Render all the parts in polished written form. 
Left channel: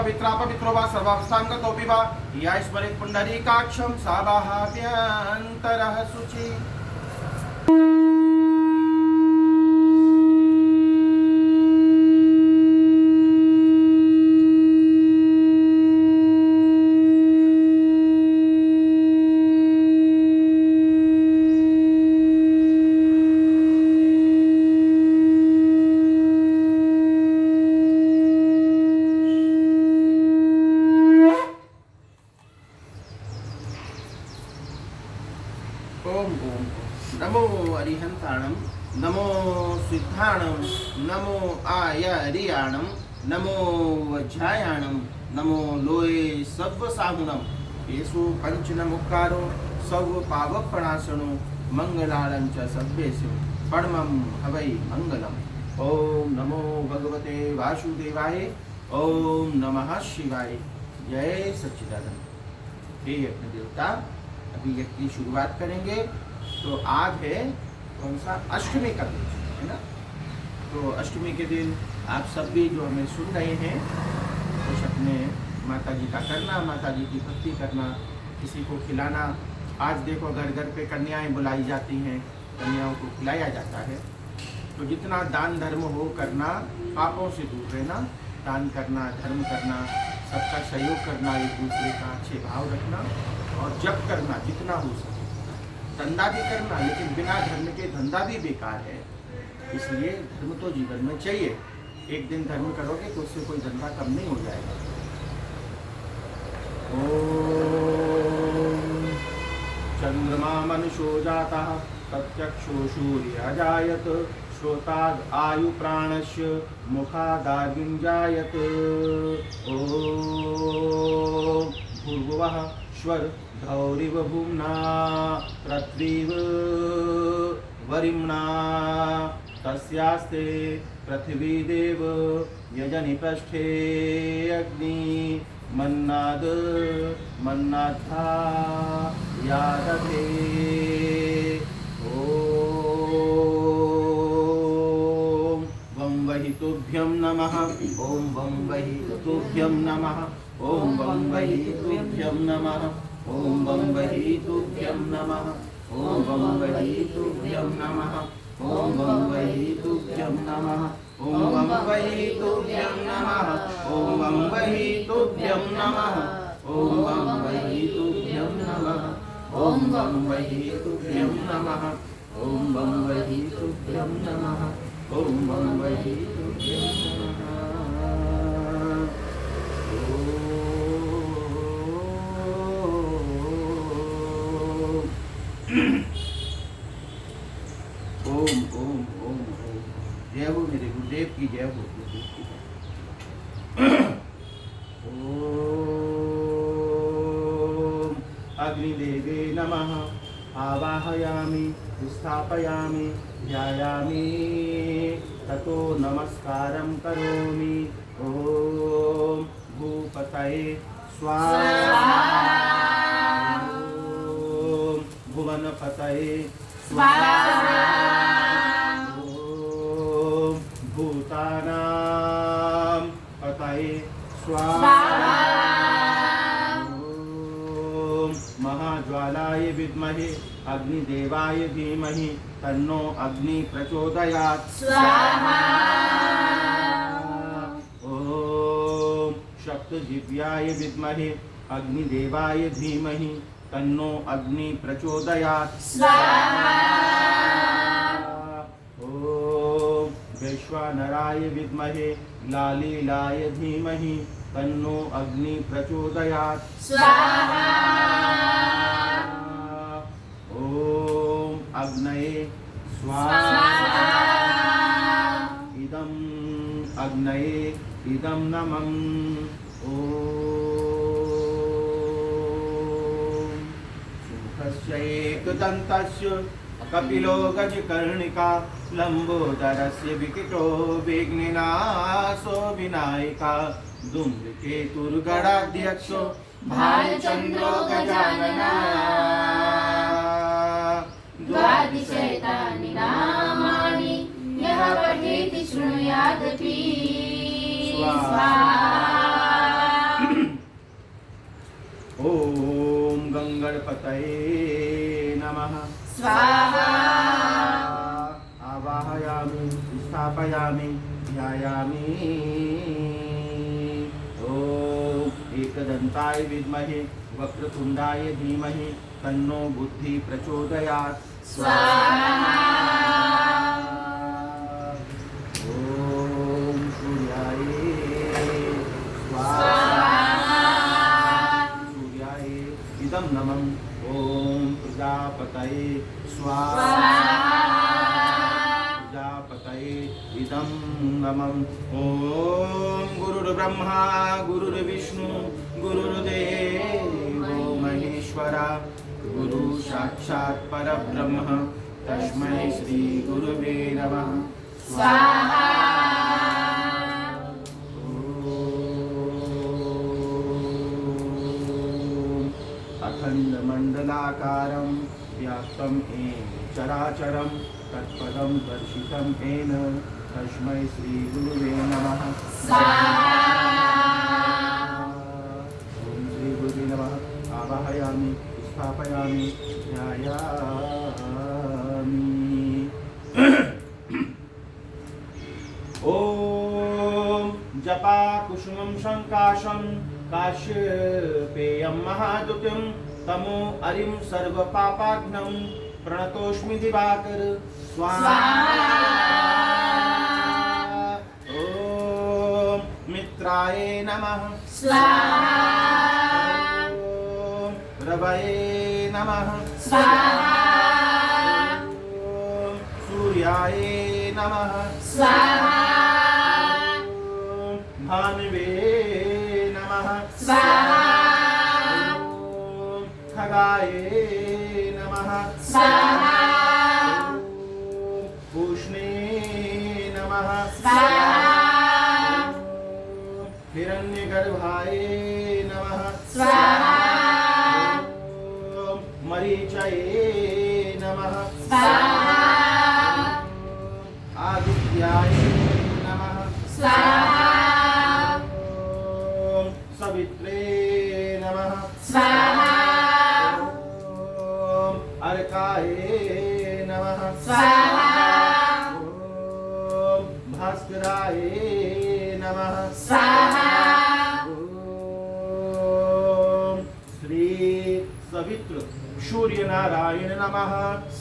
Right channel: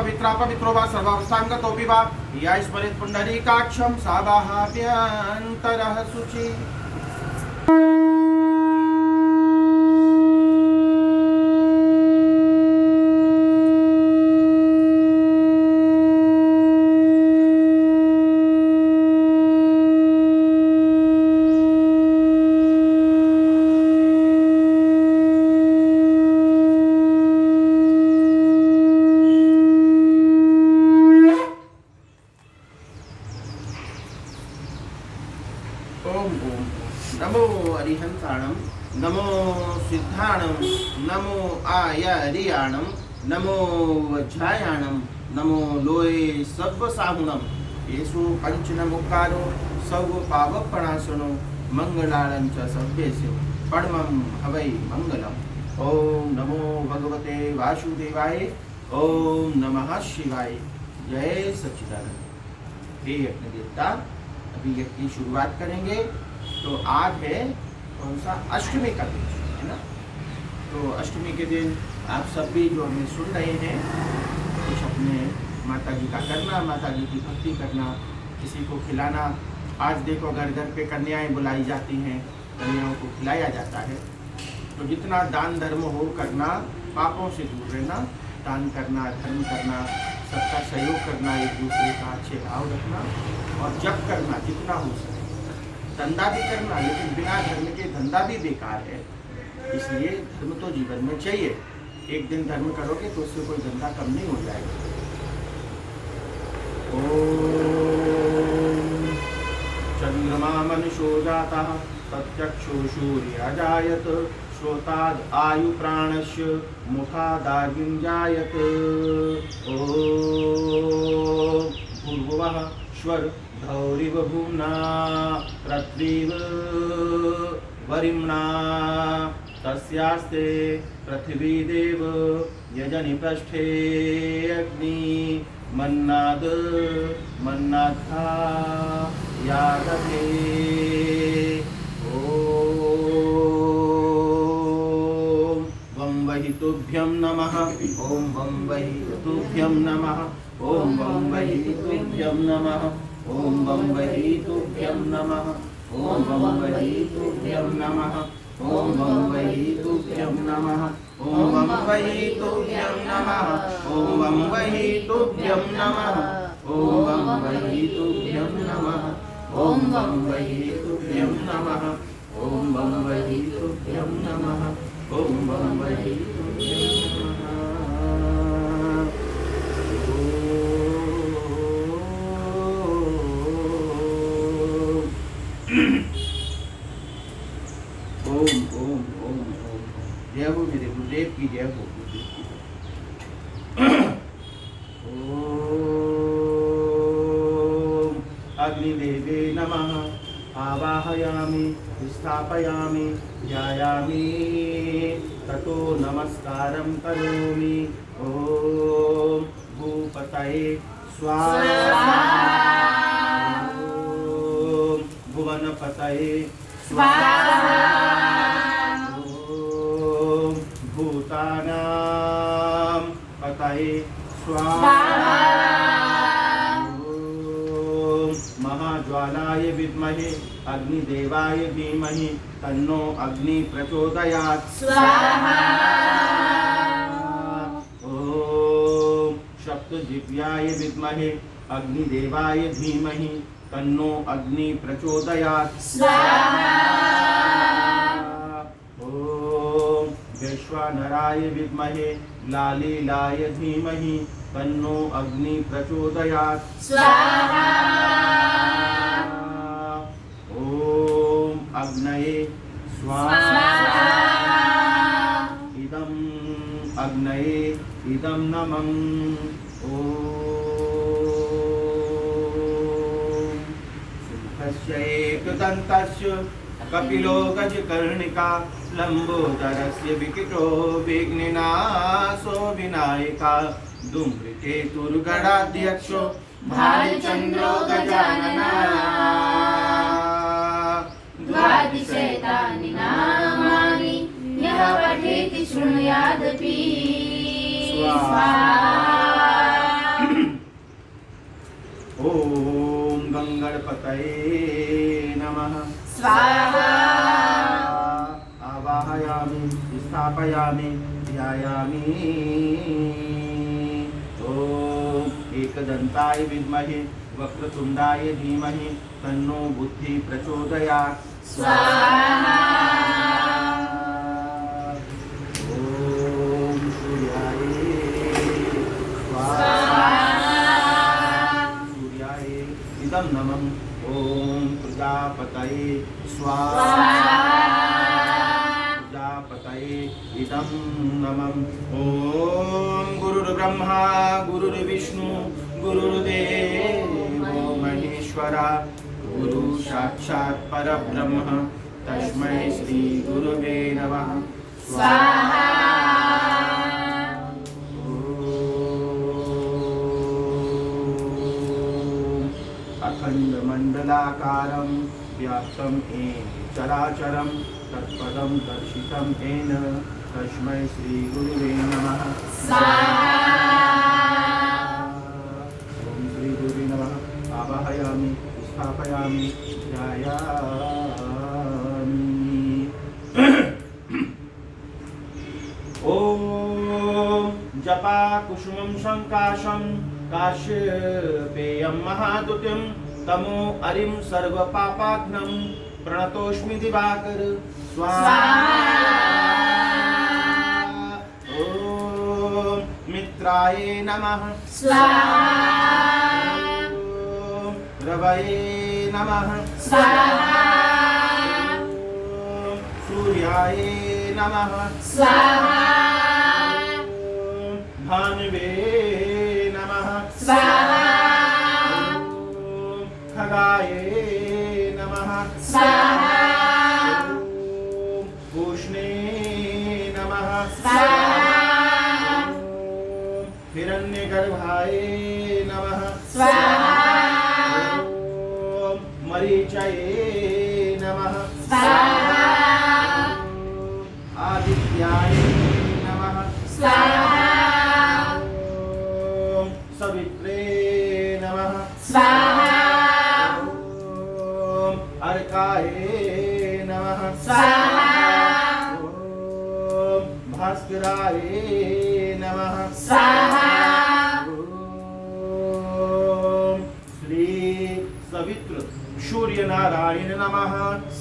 पवित्रा पवित्रो वा सर्वावस्थां गतोऽपि वा या स्मरेत् पुण्डरीकाक्षं सा बाहाभ्यन्तरः शुचि। ओम ओम नमो अरिहंताणम नमो सिद्धाणम नमो आयरियाणम नमो वज्रायाणम नमो लोये सब्वसाहुणम येषु पंचनमुक्कारो सर्व पावकप्रणाशनो मंगलालं च सभ्येषु परमं हवै मंगलम। ओम नमो भगवते वासुदेवाय। ओम नमः शिवाय। जय सच्चिदानंद। हे यज्ञ देवता, अभी यज्ञ की शुरुआत करेंगे। तो आज है कौन सा, अष्टमी का दिन है ना। तो अष्टमी के दिन आप सब भी जो हमें सुन रहे हैं कुछ अपने माता जी का करना, माता जी की भक्ति करना, किसी को खिलाना। आज देखो घर घर पे कन्याएं बुलाई जाती हैं, कन्याओं को खिलाया जाता है। तो जितना दान धर्म हो करना, पापों से दूर रहना, दान करना, धर्म करना, सबका सहयोग करना, एक दूसरे का अच्छे भाव रखना और जप करना जितना हो सके। धंधा भी करना, लेकिन बिना धर्म के धंधा भी बेकार है, इसलिए धर्म तो जीवन में चाहिए। एक दिन धर्म करोगे तो उससे कोई धंधा कम नहीं हो जाएगा। ओम चंद्रमा मनुष्यो जाता प्रत्यक्षो सूर्य अजायत श्रोताद आयु प्राणस्य मुखादाग्निञ्जायत। ओम भूर्भुवः स्वर धौरिव भूम्ना पृथ्वीव वरिम्णा तस्यास्ते पृथ्वी देव यजनि पृष्ठे अग्नि मन्नाद मन्नाथा यादते। ओम वं वहि तुभ्यं नमः। ओम वं वहि तुभ्यं नमः। ओम वं वहि तुभ्यं नमः। ओम वं वहि तुभ्यं नमः। ओम वं वहि तुभ्यं नमः। ओम वं वहि तुभ्यं नमः। ओम वं वहि तुभ्यं नमः। ओम वं वहि तुभ्यं नमः। ओम वं वहि तुभ्यं नमः। ओम वं वहि तुभ्यं नमः। ओम वं वहि तुभ्यं नमः। ओम वं वहि तुभ्यं नमः। ओम ओम ओम ओम। जय हो मेरे गुरुदेव की जय हो, गुरुदेव की जय। ओम अग्निदेवे नमः। आवाहयामि स्थापयामि ध्यायामि ततो नमस्कारं करोमि। ओम भूपतये स्वाहा। ओम भुवनपतये स्वाहा। ओम भूतानां पतये स्वाहा। ओम महाज्वालाय विद्महे अग्निदेवाय धीमहि तन्नो अग्नि प्रचोदयात् स्वाहा। ओम सप्तजिह्वाय विद्महे अग्निदेवाय धीमहि तन्नो अग्नि प्रचोदयात् स्वाहा। ओम वैश्वानराय विद्महे लालीलाय धीमहि तन्नो अग्नि प्रचोदयात् स्वाहा। ओम अग्नये स्वाहा। इदं अग्नये इदं नमः। ओम सुमुखस्य एकदन्तस्य कपिलो गजकर्णिका लंबोदरस्य विकटो विघ्ननाशो विनायका धूम्रकेतुर्गणाध्यक्षो भालचन्द्रो गजानना द्वादशैतानि नामानि यः पठेति शृणुयादपि स्वाहा। गणपतये नमः। स्वाहा। आवाहयामि, स्थापयामि, ध्यायामि। ॐ एकदन्ताय विद्महे वक्रतुण्डाय धीमहि तन्नो बुद्धि प्रचोदयात्। स्वाहा। ॐ सूर्याय स्वाहा। सूर्याय इदं नमः। ॐ प्रजापतये स्वाहा। प्रजापतये इदं नमः। ॐ गुरुर्ब्रह्मा गुरुर्विष्णु गुरुर्देवो महेश्वरा गुरु साक्षात् परब्रह्म तस्मै श्री गुरुवे नमः। स्वाहा। अखण्डमण्डलाकारं व्याप्तं येन चराचरं तत्पदं दर्शितं येन तस्मै श्री गुरुवे नमः। ओम श्री गुरुवे नमः। आवाहयामि, स्थापयामि, ध्यायामि। ॐ जपा कुसुमं संकाशं काश्यपेयं महादुतिं तमो अरिं सर्वपापाघ्नं प्रणतोऽस्मि दिवाकर। स्वाहा। ॐ मित्राय नमः। स्वाहा। ॐ रवये नमः। स्वाहा। ॐ सूर्याय नमः। स्वाहा। ॐ भानुवे नमः। स्वाहा। ॐ खगाय नमः। स्वाहा। ॐ उष्णे नमः। स्वाहा। ॐ हिरण्यगर्भाय नमः। स्वाहा। ॐ मरीचये नमः। स्वाहा। ॐ आदित्याय नमः। स्वाहा। ॐ सवित्रे नमः। स्वाहा। ॐ अर्काय नमः। स्वाहा। ॐ भास्कराय नमः। स्वाहा। ॐ श्री सवित्र सूर्य नारायण नमः।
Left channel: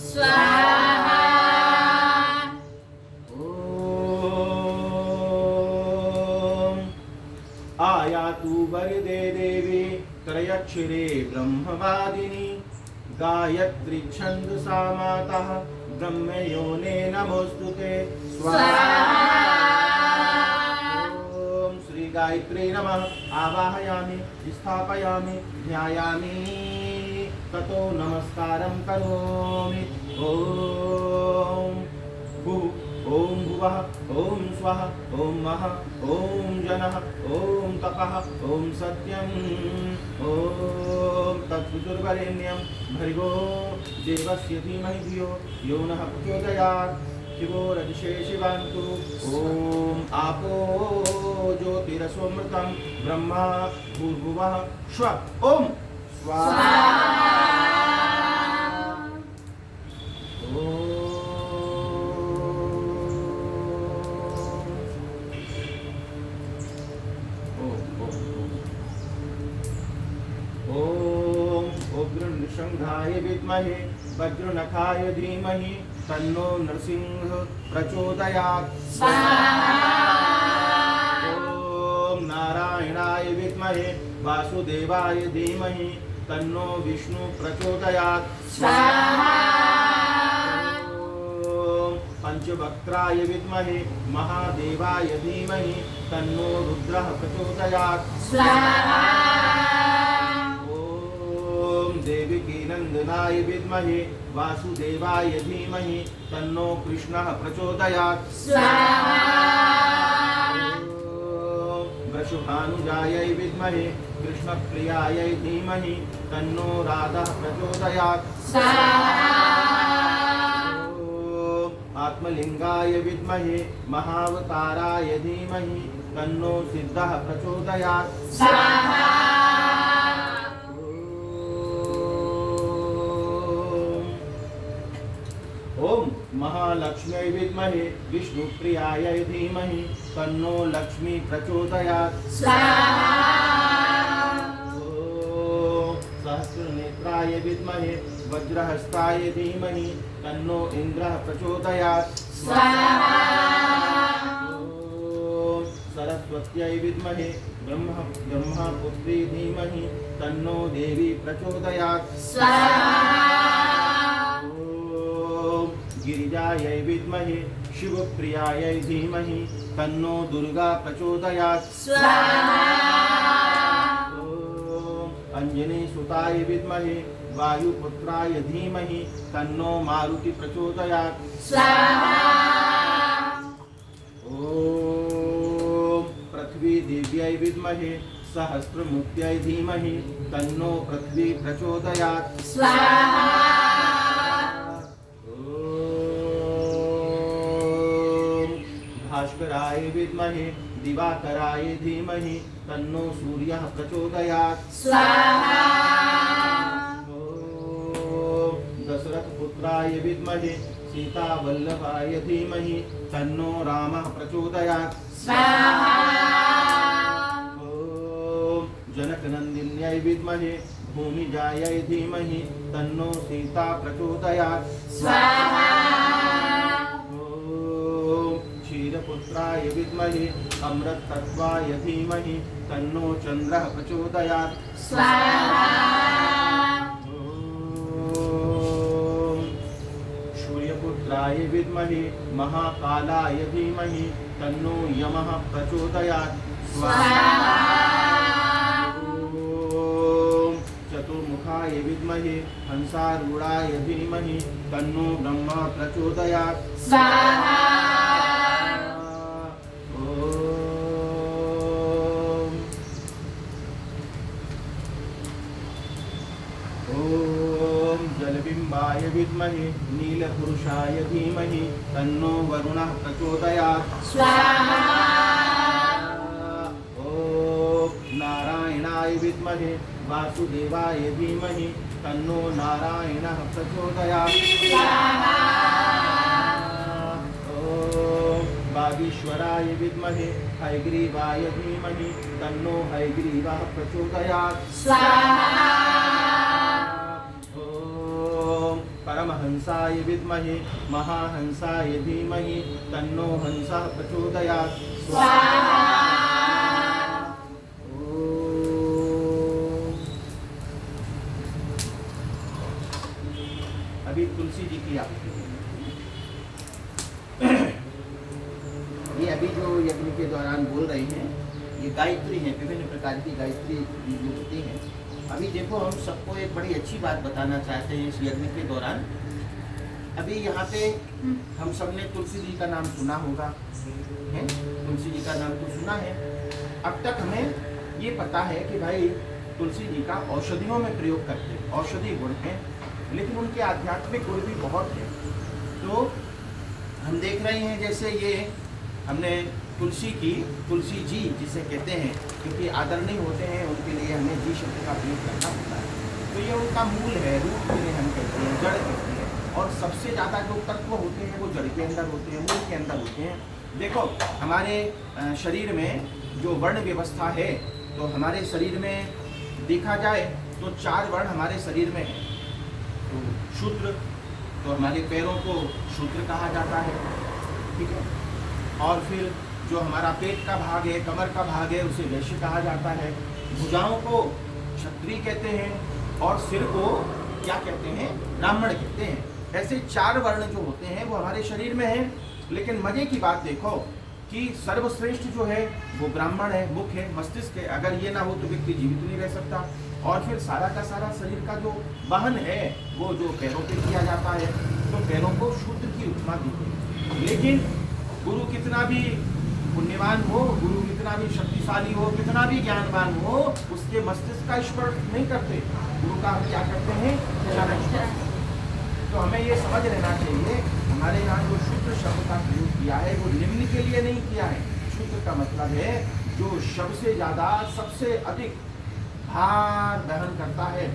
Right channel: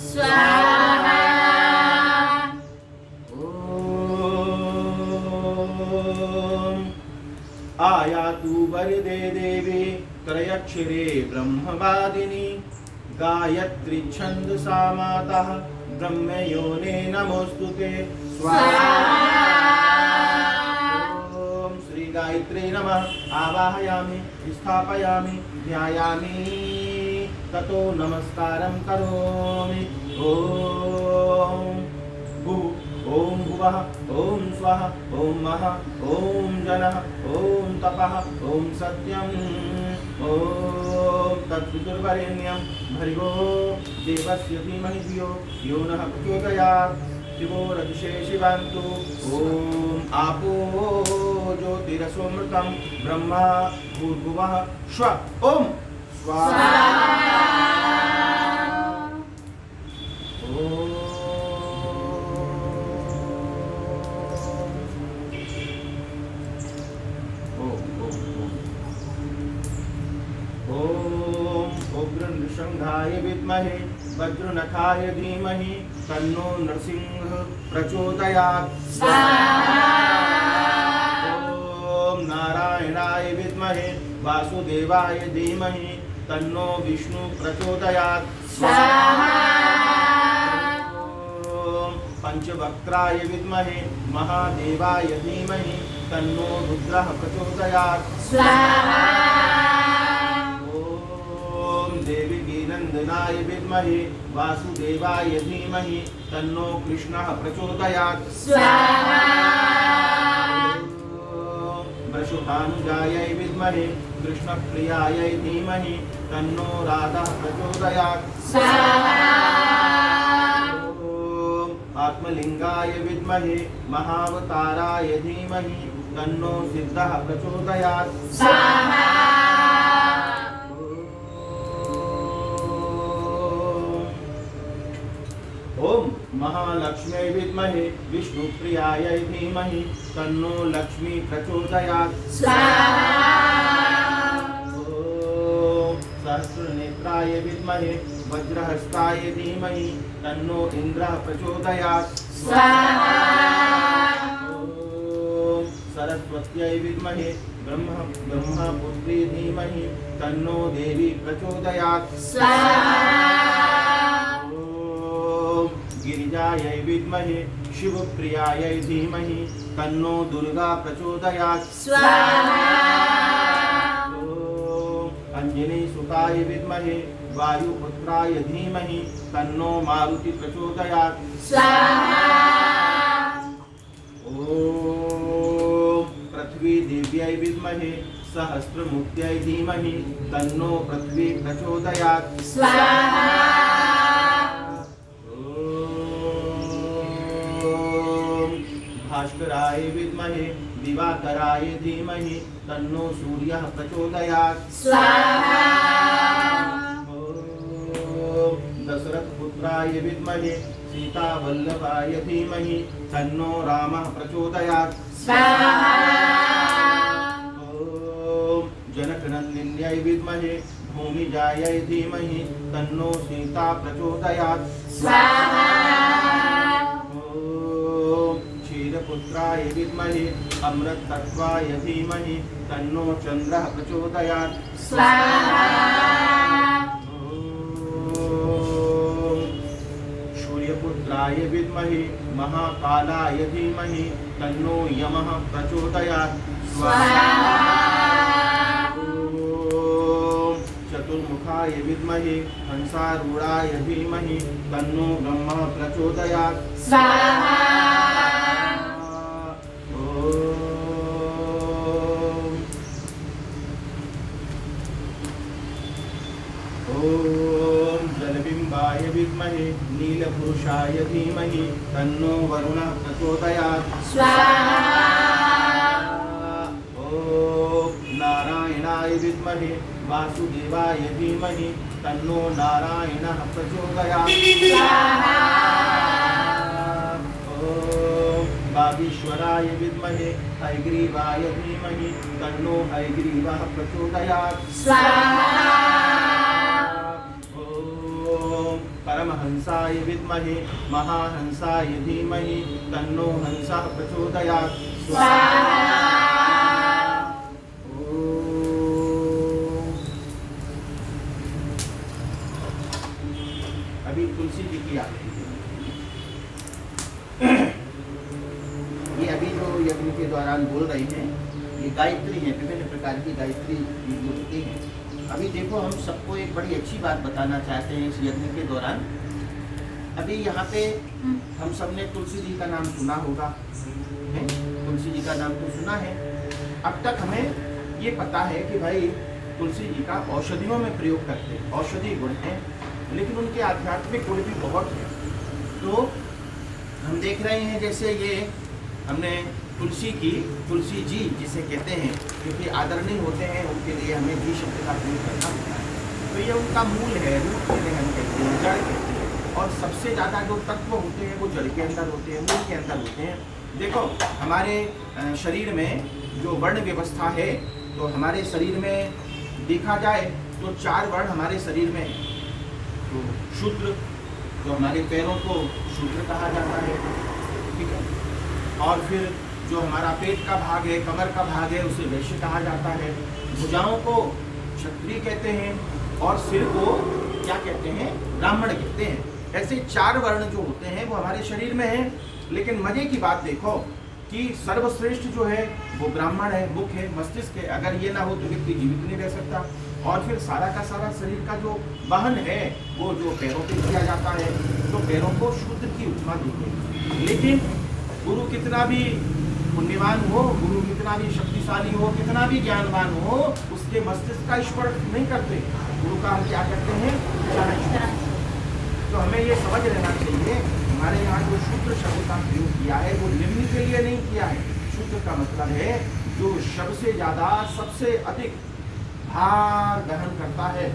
स्वाहा। ॐ आयातु वरदे देवी त्रयक्षरे ब्रह्मवादिनी गायत्री छन्दसा माता ब्रह्मयोने नमोस्तुते। स्वाहा। ॐ श्री गायत्री नमः। आवाहयामि, स्थापयामि, ध्यायामि, ततो नमस्कारं करोमि। ॐ ॐ भुवः ॐ स्वः ॐ महः ॐ जनः ॐ तपः ॐ सत्यम् ॐ तत्सवितुर्वरेण्यं भर्गो देवस्य धीमहि धियो यो नः प्रचोदयात्। शिवो रजसे शिवान्तु। ॐ आपो ज्योतिरसोऽमृतं ब्रह्मा भूर्भुवः स्वः ॐ स्वाहा। नृसिंहाय विद्महे वज्रनखाय धीमहि तन्नो नृसिंह प्रचोदयात्। ॐ नारायणाय विद्महे वासुदेवाय धीमहि तन्नो विष्णु प्रचोदयात्। ॐ पंचवक्त्राय विद्महे महादेवाय धीमहि तन्नो रुद्रः प्रचोदयात्। देवकी नंदनाय विद्महे वासुदेवाय धीमहि तन्नो कृष्णः प्रचोदयात्। वृषभानुजायै विद्महे कृष्णप्रियायै धीमहि तन्नो राधः प्रचोदयात्। आत्मलिंगाय विद्महे महावताराय धीमहि तन्नो सिद्धः प्रचोदयात्। ओम महालक्ष्मी विद्महे विष्णुप्रियाय धीमहि तन्नो लक्ष्मी प्रचोदयात्। स्वाहा ओम सहस्रनेत्राय विद्महे वज्रहस्ताय धीमहि तन्नो इंद्रः प्रचोदयात्। स्वाहा ओम सरस्वत्यै विद्महे ब्रह्मपुत्री धीमहि तन्नो देवी प्रचोदयात्। स्वाहा गिरिजायै विद्महे शिवप्रियायै धीमहि तन्नो दुर्गा प्रचोदयात्। स्वाहा ओम अंजनी सुताय विद्महे वायुपुत्राय धीमहि तन्नो मारुति प्रचोदयात्। स्वाहा ओम पृथ्वी देव्यै विद्महे सहस्रमुख्यै धीमहि तन्नो पृथ्वी प्रचोदयात्। स्वाहा भास्कराय विद्महे दिवाकराय धीमहि तन्नो सूर्यः प्रचोदयात्। स्वाहा ओम दशरथ पुत्राय विद्महे सीतावल्लभाय धीमहि तन्नो रामः प्रचोदयात्। स्वाहा ओम जनकनन्दिन्यै विद्महे भूमिजायै धीमहि तन्नो सीता प्रचोदयात्। स्वाहा क्षीरपुत्राय विद्महे अमृतत्वाय धीमहि तन्नो चन्द्रः प्रचोदयात्। स्वाहा ओम सूर्यपुत्राय विद्महे महाकालाय धीमहि तन्नो यमः प्रचोदयात्। स्वाहा ओम चतुर्मुखाय विद्महे हंसारूढाय धीमहि तन्नो ब्रह्म प्रचोदयात्। स्वाहा ओम जलबिंबाय विद्महे नीलपुरुषाय धीमहि तन्नो वरुणः प्रचोदयात्। स्वाहा ओम नारायणाय विद्महे वासुदेवाय धीमहि तन्नो नारायणः प्रचोदयात्। स्वाहा ओम बागीश्वराय विद्महे हयग्रीवाय धीमहि तन्नो हयग्रीवः प्रचोदयात्। स्वाहा परमहंसाय विद्महे महाहंसाय धीमहि तन्नो हंसः प्रचोदयात्। स्वाहा ओम अभी तुलसी जी की आरती है। ये अभी जो यज्ञ के दौरान बोल रही हैं ये गायत्री है, विभिन्न प्रकार की गायत्री जो होती है। अभी देखो हम सबको एक बड़ी अच्छी बात बताना चाहते हैं इस यज्ञ के दौरान। अभी यहाँ पे हम सब ने तुलसी जी का नाम सुना होगा, है? तुलसी जी का नाम तो सुना है। अब तक हमें ये पता है कि भाई तुलसी जी का औषधियों में प्रयोग करते हैं, औषधि गुण हैं, लेकिन उनके आध्यात्मिक गुण भी बहुत हैं। तो हम देख रहे हैं जैसे ये हमने तुलसी जी जिसे कहते हैं, क्योंकि आदरणीय होते हैं उनके लिए हमें जी शब्द का प्रयोग करना होता है। तो ये उनका मूल है, रूट जिन्हें हम कहते हैं, जड़ कहते हैं। और सबसे ज़्यादा जो तत्व होते हैं वो जड़ के अंदर होते हैं, मूल के अंदर होते हैं। देखो हमारे शरीर में जो वर्ण व्यवस्था है, तो हमारे शरीर में देखा जाए तो 4 वर्ण हमारे शरीर में है। तो शूद्र, तो हमारे पैरों को शूद्र कहा जाता है, ठीक है। और फिर जो हमारा पेट का भाग है, कमर का भाग है, उसे वैश्य कहा जाता है। भुजाओं को क्षत्रिय कहते हैं और सिर को क्या कहते हैं, ब्राह्मण कहते हैं। ऐसे 4 वर्ण जो होते हैं वो हमारे शरीर में हैं। लेकिन मजे की बात देखो कि सर्वश्रेष्ठ जो है वो ब्राह्मण है, मुख है, मस्तिष्क है। अगर ये ना हो तो व्यक्ति जीवित नहीं रह सकता। और फिर सारा का सारा शरीर का जो वहन है वो जो पैरों पे किया जाता है, तो पैरों को शूद्र की उपमा दी गई। लेकिन गुरु कितना भी पुण्यवान हो, गुरु कितना भी शक्तिशाली हो, कितना भी ज्ञानवान हो, उसके मस्तिष्क का स्पर्श नहीं करते। गुरु का हम क्या करते हैं, चरण स्पर्श। तो हमें ये समझ लेना चाहिए, हमारे यहाँ जो शूद्र शब्द का प्रयोग किया है वो निम्न के लिए नहीं किया है। शूद्र का मतलब है जो सबसे ज़्यादा, सबसे अधिक भार दहन करता है,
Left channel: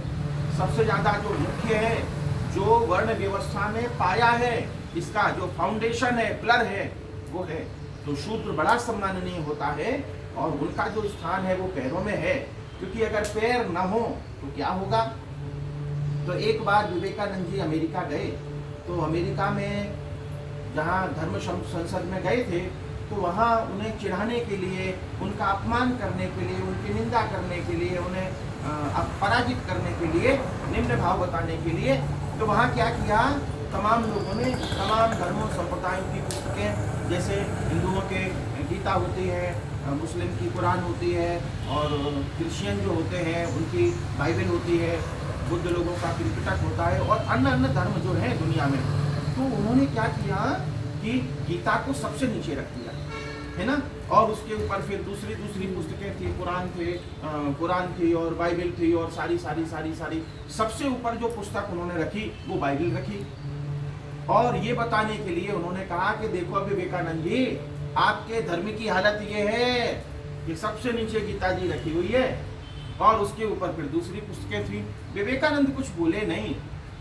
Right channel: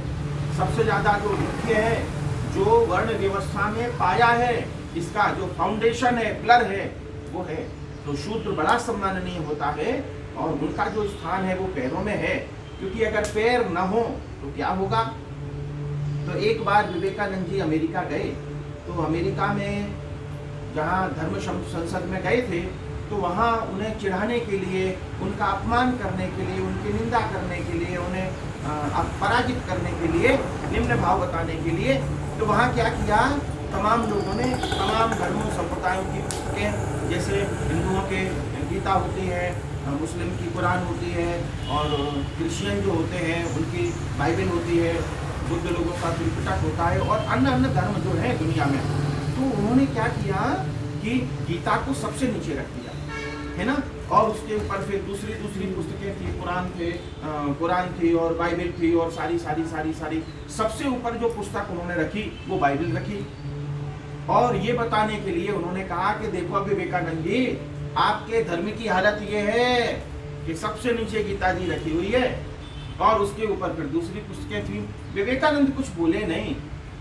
सबसे ज़्यादा जो मुख्य है, जो वर्ण व्यवस्था में पाया है, इसका जो फाउंडेशन है, पिलर है, वो है। तो शूद्र बड़ा सम्माननीय होता है और उनका जो स्थान है वो पैरों में है, क्योंकि अगर पैर न हो तो क्या होगा। तो एक बार विवेकानंद जी अमेरिका गए, तो अमेरिका में जहाँ धर्म संसद में गए थे, तो वहाँ उन्हें चिढ़ाने के लिए, उनका अपमान करने के लिए, उनकी निंदा करने के लिए, उन्हें पराजित करने के लिए, निम्न भाव बताने के लिए, तो वहाँ क्या किया, तमाम लोगों ने तमाम धर्मों संप्रदायों की पुस्तकें, जैसे हिंदुओं के गीता होती है, मुस्लिम की कुरान होती है, और क्रिश्चियन जो होते हैं उनकी बाइबल होती है, बुद्ध लोगों का त्रिपिटक होता है, और अन्य अन्य धर्म जो है दुनिया में, तो उन्होंने क्या किया कि गीता को सबसे नीचे रख दिया, है ना। और उसके ऊपर फिर दूसरी पुस्तकें थी, कुरान थी और बाइबल थी, और सारी सबसे ऊपर जो पुस्तक उन्होंने रखी वो बाइबल रखी। और ये बताने के लिए उन्होंने कहा कि देखो विवेकानंद जी, आपके धर्म की हालत ये है कि सबसे नीचे गीता जी रखी हुई है और उसके ऊपर फिर दूसरी पुस्तकें थी। विवेकानंद कुछ बोले नहीं।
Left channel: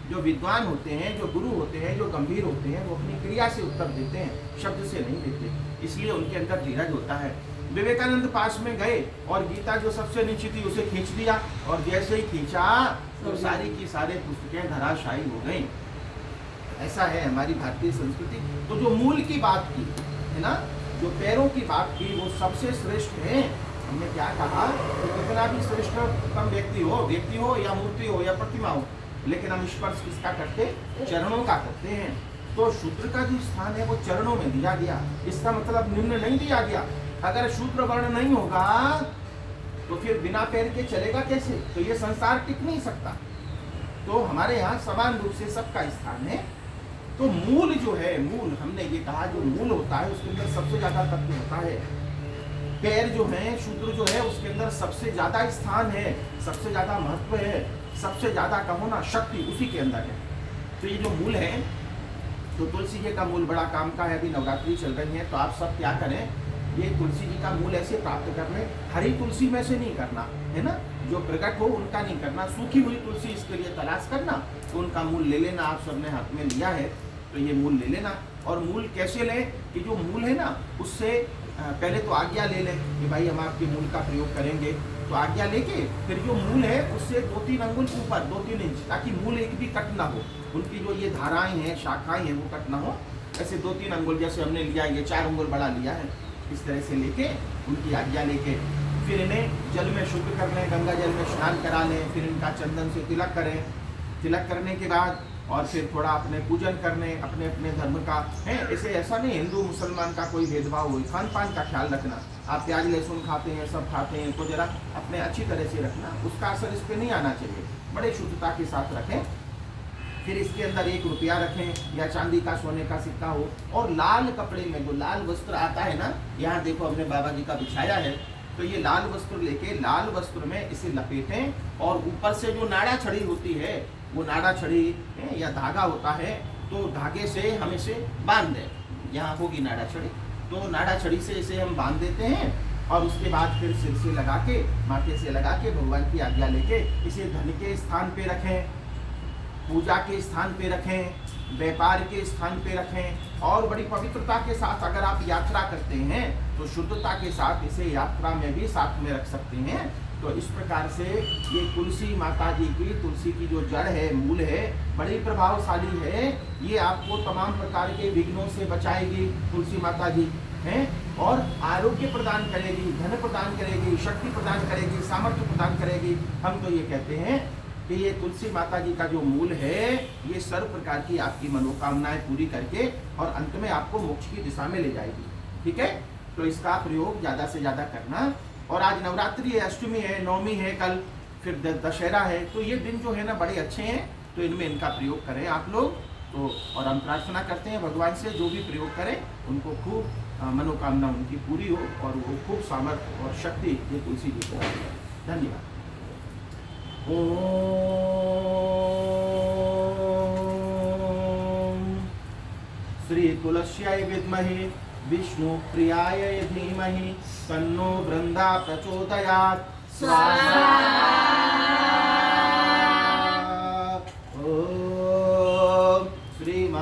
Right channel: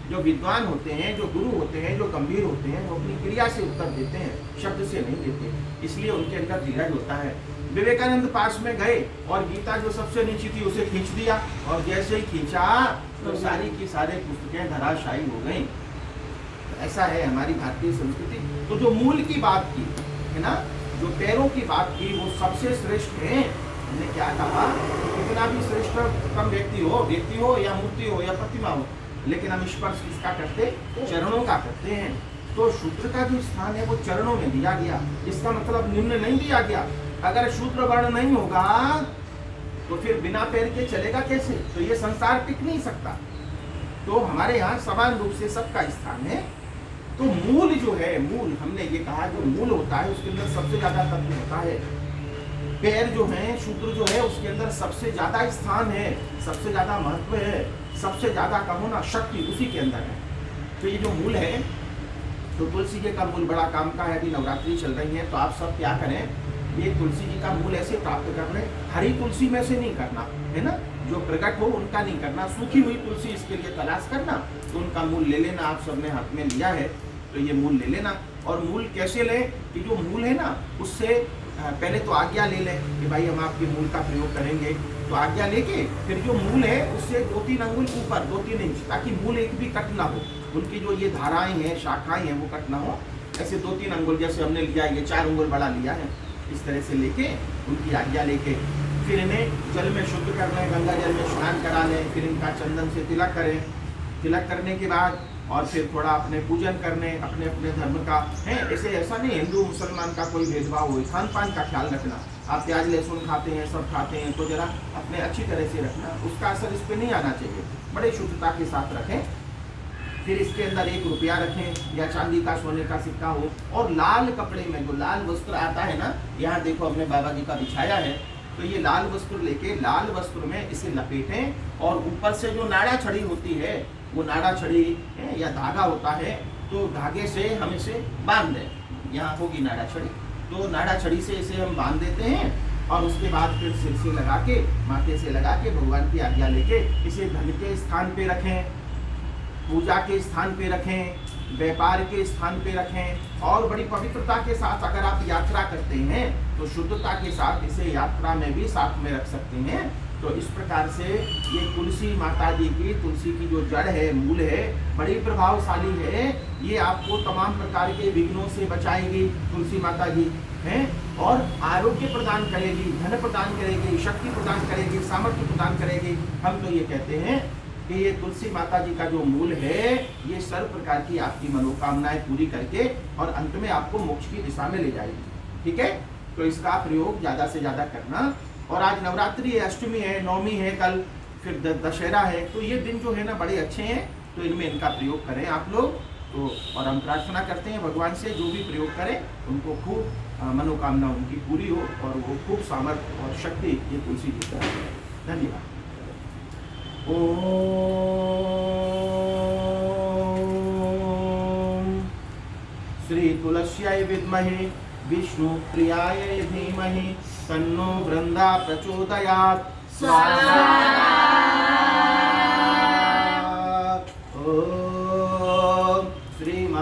जो विद्वान होते हैं, जो गुरु होते हैं, जो गंभीर होते हैं, वो अपनी क्रिया से उत्तर देते हैं, शब्द से नहीं देते, इसलिए उनके अंदर धीरज होता है। विवेकानंद पास में गए और गीता जो सबसे नीचे थी उसे खींच दिया, और जैसे ही खींचा तो सारी की सारी पुस्तकें धराशायी हो गई। ऐसा है हमारी भारतीय संस्कृति। तो जो मूल की बात की है ना, जो पैरों की बात की, वो सबसे श्रेष्ठ है। हमने क्या कहा, कितना भी श्रेष्ठतम व्यक्ति हो या मूर्ति हो या प्रतिमा हो, लेकिन हम स्पर्श किसका करते, चरणों का करते हैं। तो शूद्र का जो स्थान है वो चरणों में दिया गया। इसका मतलब निम्न नहीं दिया गया। अगर शूद्र वर्ण नहीं होगा तो फिर बिना पैर के चलेगा कैसे, तो ये संसार टिक नहीं सकता। तो हमारे यहाँ समान रूप से सबका स्थान है। तो मूल जो है, मूल हमने ये कहा, जो मूल होता है उसके अंदर सबसे ज्यादा तत्व होता है। पैर जो है, शूद्र जो है, उसके अंदर सबसे ज्यादा स्थान है, सबसे ज्यादा महत्व है, सबसे ज्यादा कहो ना शक्ति उसी के अंदर है। तो ये जो मूल है, तो तुलसी जी का मूल बड़ा काम का है। अभी नवरात्रि चल रही है, तो आप सब क्या करें, ये तुलसी जी का मूल ऐसे प्राप्त कर लें। हरी तुलसी में से नहीं करना है ना, जो प्रकट हो उनका नहीं करना, सूखी हुई तुलसी इसके लिए तलाश करना। तो उनका मूल ले लेना, आप सबने हाथ में लिया है तो ये मूल ले लेना। और मूल कैसे लें कि जो मूल है ना, उससे पहले तो आज्ञा ले लें कि भाई हम आपके मूल का प्रयोग करेंगे। तो आज्ञा लेके फिर जो मूल है उससे 2-3 अंगुल ऊपर, 2-3 इंच, ताकि मूल एक भी कट ना हो। उनकी जो ये धाराएं हैं, शाखाएं हैं, वो कट ना हो। ऐसे 2-3 अंगुल जैसे हमने लिया, ये 4 अंगुल बड़ा लिया है, इस तरह से लेके उनकी आज्ञा लेके फिर इन्हें जल में शुद्ध कर लें, गंगा जल में स्नान करा लें। फिर इनका चंदन से तिलक करें। तिलक करने के बाद और फिर थोड़ा अपने पूजन करने, अपने अपने धर्म का है। ऐसे ऐसा नहीं हिंदू मुसलमान का कोई भेदभाव हो। खान पान का ख्याल रखना, आप प्याज लहसुन खाते हैं, सब खाते हैं, तो जरा अपने अच्छी तरह से रखना, उसका असर इस पर नहीं आना चाहिए। बड़े शुद्धता के साथ रखें। फिर इसके अंदर 1 रुपया रखें या चांदी का, सोने का सिक्का हो, और लाल कपड़े में जो लाल वस्त्र आता है ना, यहाँ देखो हमने बाबा जी का बिछाया है, तो ये लाल वस्त्र लेके लाल वस्त्र में इसे लपेटें, और ऊपर से जो नाड़ा छड़ी होती है, वो नाड़ा छड़ी या धागा होता है, तो धागे से हम इसे बांध दें। यहाँ होगी नाड़ा छड़ी, तो नाड़ा छड़ी से इसे हम बांध देते हैं, और उसके बाद फिर सिर से लगा के, माथे से लगा के, भगवान की आज्ञा लेके इसे धन के स्थान पे रखें, पूजा के स्थान पे रखें, व्यापार के स्थान पे रखें। और बड़ी पवित्रता के साथ अगर आप यात्रा करते हैं तो शुद्धता के साथ इसे यात्रा में भी साथ में रख सकते हैं। तो इस प्रकार से ये तुलसी माता जी की, तुलसी की जो जड़ है, मूल है, बड़ी प्रभावशाली है। ये आपको तमाम प्रकार के विघ्नों से बचाएगी तुलसी माता जी हैं, और आरोग्य प्रदान करेगी, धन प्रदान करेगी, शक्ति प्रदान करेगी, सामर्थ्य प्रदान करेगी। हम तो ये कहते हैं कि ये तुलसी माता जी का जो मूल है, ये सर्व प्रकार की आपकी मनोकामनाएं पूरी करके और अंत में आपको मोक्ष की दिशा में ले जाएगी। ठीक है, तो इसका प्रयोग ज्यादा से ज्यादा करना। और आज नवरात्रि है, अष्टमी है, नवमी है, कल फिर दशहरा है, तो ये दिन जो है ना बड़े अच्छे हैं, तो इनमें इनका प्रयोग करें आप लोग। तो और हम प्रार्थना करते हैं भगवान से, जो भी प्रयोग करें उनको खूब मनोकामना उनकी पूरी हो, और वो खूब सामर्थ्य और शक्ति ये तुलसी जी को। धन्यवाद। ओम श्री तुलस्याय विद्महे विष्णु प्रियाय धीमहि तन्नो वृंदा प्रचोदयात्। स्वाहा। ओम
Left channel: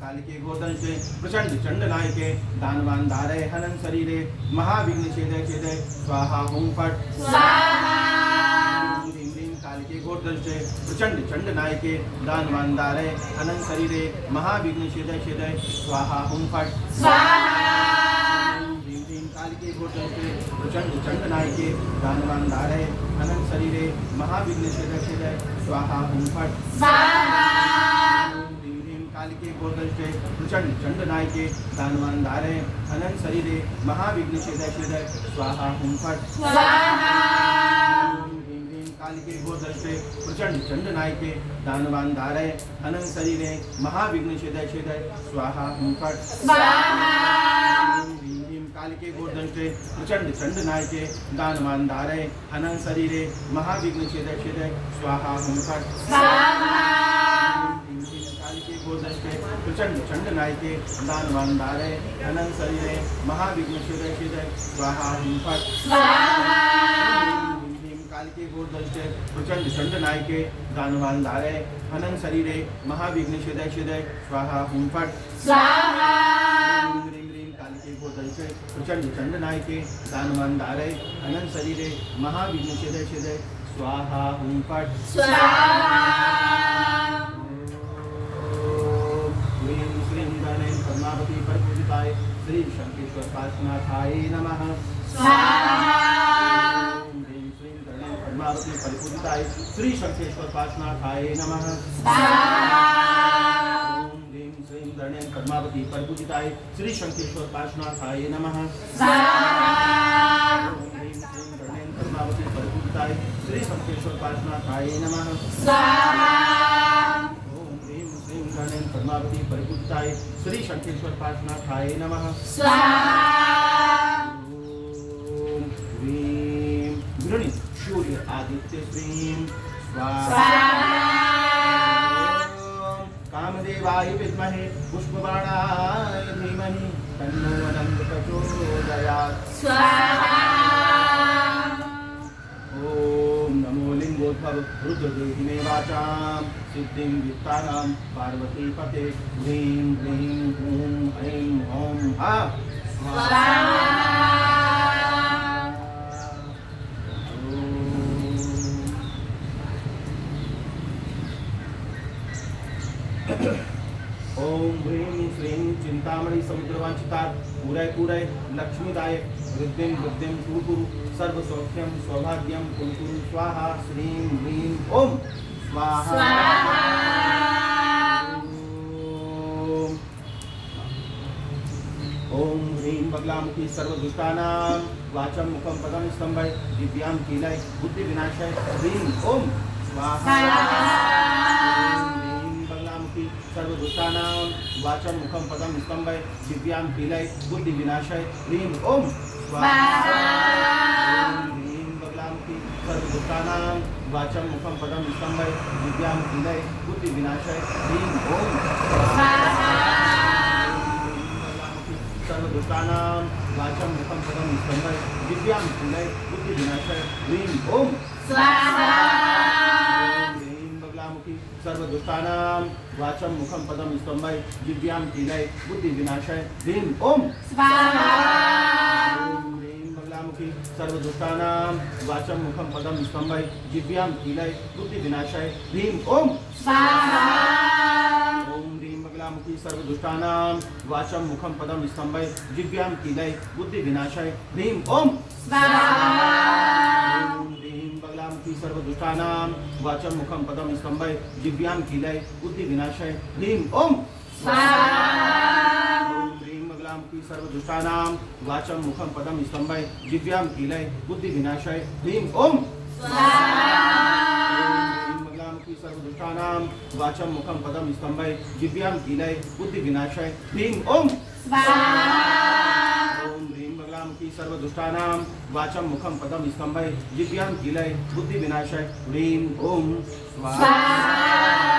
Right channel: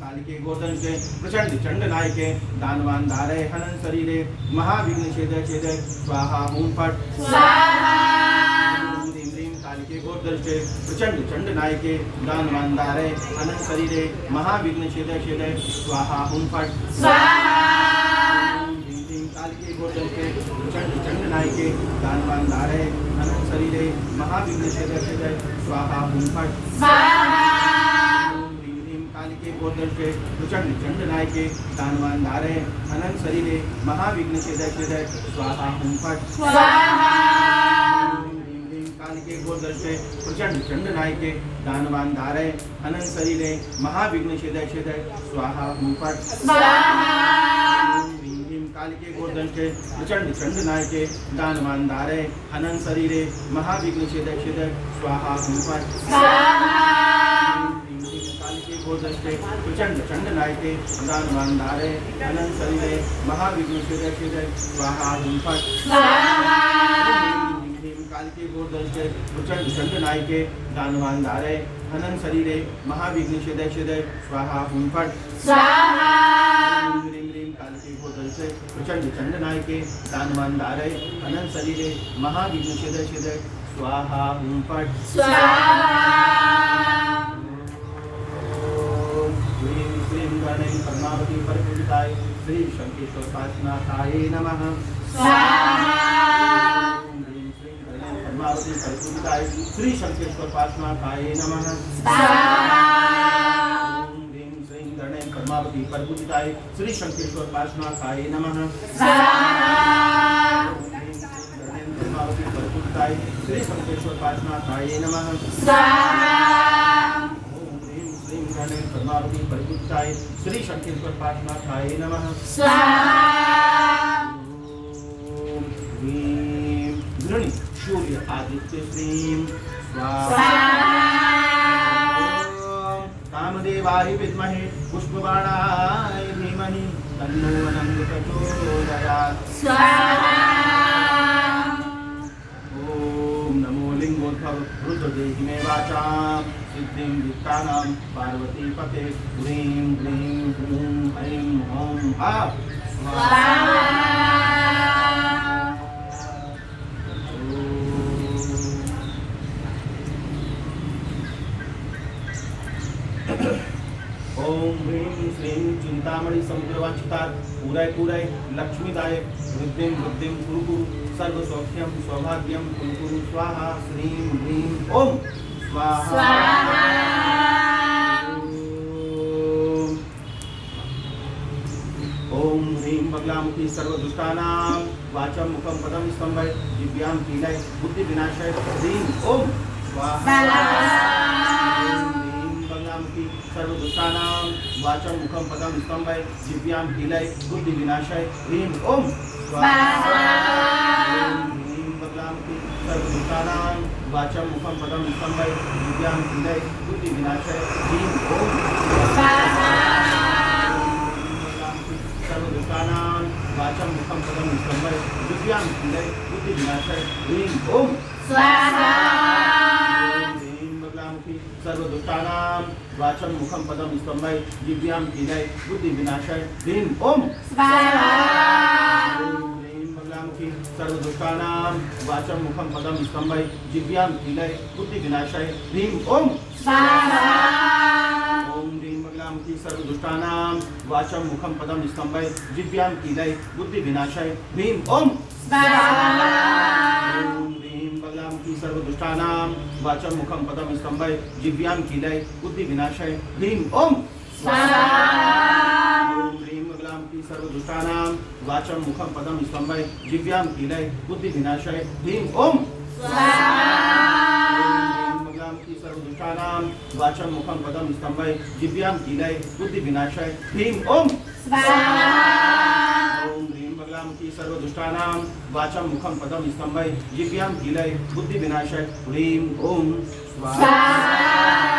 कालिके गोदंशे प्रचंड चंड नायके दानवान धारे हनन शरीरे महाविघ्न छेदय छेदय स्वाहा ओम फट स्वाहा ह्रीं ह्रीं कालिके गोदंशे प्रचंड चंड नायके दानवान धारे हनन शरीरे महाविघ्न छेदय छेदय स्वाहा ओम फट स्वाहा ह्रीं ह्रीं कालिके गोदंशे प्रचंड चंड नायके दानवान धारे हनन शरीरे महाविघ्न छेदय छेदय स्वाहा ओम फट स्वाहा ह्रीं ह्रीं कालिके गोदंशे प्रचंड चंड नायके दानवान धारे हनन शरीरे महाविघ्न छेदय छेदय स्वाहा ओम फट स्वाहा ह्रीं ह्रीं कालिके गोदंशे प्रचंड चंड नायके दानवान धारे हनन शरीरे महाविघ्न छेदय छेदय स्वाहा ओम फट स्वाहा ह्रीं ह्रीं कालिके गोदंशे प्रचंड चंड नायके दानवान धारे हनन शरीरे महाविघ्न छेदय छेदय स्वाहा ओम फट स्वाहा ह्रीं ह्रीं कालिके गोदंशे प्रचंड चंड नायके दानवान धारे हनन शरीरे महाविघ्न छेदय छेदय स्वाहा ओम फट स्वाहा ह्रीं ह्रीं कालिके गोदंशे प्रचंड चंड नायके दानवान धारे हनन शरीरे महाविघ्न छेदय छेदय स्वाहा ओम फट स्वाहा ह्रीं ह्रीं कालिके गोदंशे प्रचंड चंड नायके दानवान धारे हनन शरीरे महाविघ्न छेदय छेदय स्वाहा ओम फट स्वाहा ह्रीं श्रीं गणें पद्मावती परिपूजिताय श्री शंकेश्वर पार्श्वनाथाय नमः स्वाहा ह्रीं श्रीं गणें पद्मावती परिपूजिताय श्री शंकेश्वर पार्श्वनाथाय नमः स्वाहा ह्रीं श्रीं गणें पद्मावती परिपूजिताय श्री शंकेश्वर पार्श्वनाथाय नमः स्वाहा ह्रीं श्रीं गणें पद्मावती परिपूजिताय श्री शंकेश्वर पार्श्वनाथाय नमः स्वाहा ओम ह्रीं श्रीं गणें पद्मावती परिपूजिताय श्री शंकेश्वर पार्श्वनाथाय नमः स्वाहा ओम ह्रीं गृणी सूर्य आदित्य श्रीं स्वाहा ओम कामदेवाय विद्महे पुष्पबाणाय धीमहि तन्नो अनंत प्रचोदयात् स्वाहा ओम नमो लिंगोद्भव रुद्रदेहि मे वाचां सिद्धिं वित्तानां पार्वती पते ह्रीं ह्रीं ह्रूं ऐं ॐ हा स्वाहा ओम ह्रीं श्रीं चिंतामणि समुद्रवांचितात् पूरय पूरय लक्ष्मीदायक वृद्धिं वृद्धिं कुरु कुरु सर्व सौख्यं सौभाग्यं कुरु कुरु स्वाहा श्रीं ह्रीं ओम स्वाहा ओम ह्रीं बगलामुखी सर्वदुष्टानां वाचं मुखं पदं स्तंभय दिव्यां कीलय बुद्धि विनाशय ह्रीं ओम स्वाहा बगलामुखी सर्वदुष्टानां वाचं मुखं पदं स्तंभय दिव्यां कीलय बुद्धि विनाशय ह्रीं ओम स्वाहा ह्रीं बगलामुखी सर्वदुष्टानां वाचं मुखं पदं स्तंभय दिव्यां कीलय बुद्धि विनाशय ह्रीं ओम स्वाहा सर्वदुष्टानां वाचं मुखं पदं स्तंभय दिव्यां कीलय बुद्धि विनाशय ह्रीं ओम स्वाहा ह्रीं बगलामुखी सर्वदुष्टानां वाचं मुखं पदं स्तंभय दिव्यां कीलय बुद्धि विनाशय ह्रीं ओम स्वाहा ह्रीं बगलामुखी सर्वदुष्टानां वाचं मुखं पदं स्तंभय दिव्यां कीलय बुद्धि विनाशय ह्रीं ओम स्वाहा ओम ह्रीं बगलामुखी सर्वदुष्टानां वाचं मुखं पदं स्तंभय दिव्यां कीलय बुद्धि विनाशय ह्रीं ओम स्वाहा ओम ह्रीं बगलामुखी सर्वदुष्टानां वाचं मुखं पदं स्तंभय दिव्यां कीलय बुद्धि विनाशय ह्रीं ओम स्वाहा ओम ह्रीं बगलामुखी सर्वदुष्टानां वाचं मुखं पदं स्तंभय दिव्यां कीलय बुद्धि विनाशय ह्रीं ओम बगलामुखी सर्वदुष्टानां वाचं मुखं पदं स्तंभय दिव्यां कीलय बुद्धि विनाशय ह्रीं ओम ओम ह्रीं बगलामुखी सर्वदुष्टानां वाचं मुखं पदं स्तंभय दिव्यां कीलय बुद्धि विनाशय ह्रीं ओम स्वाहा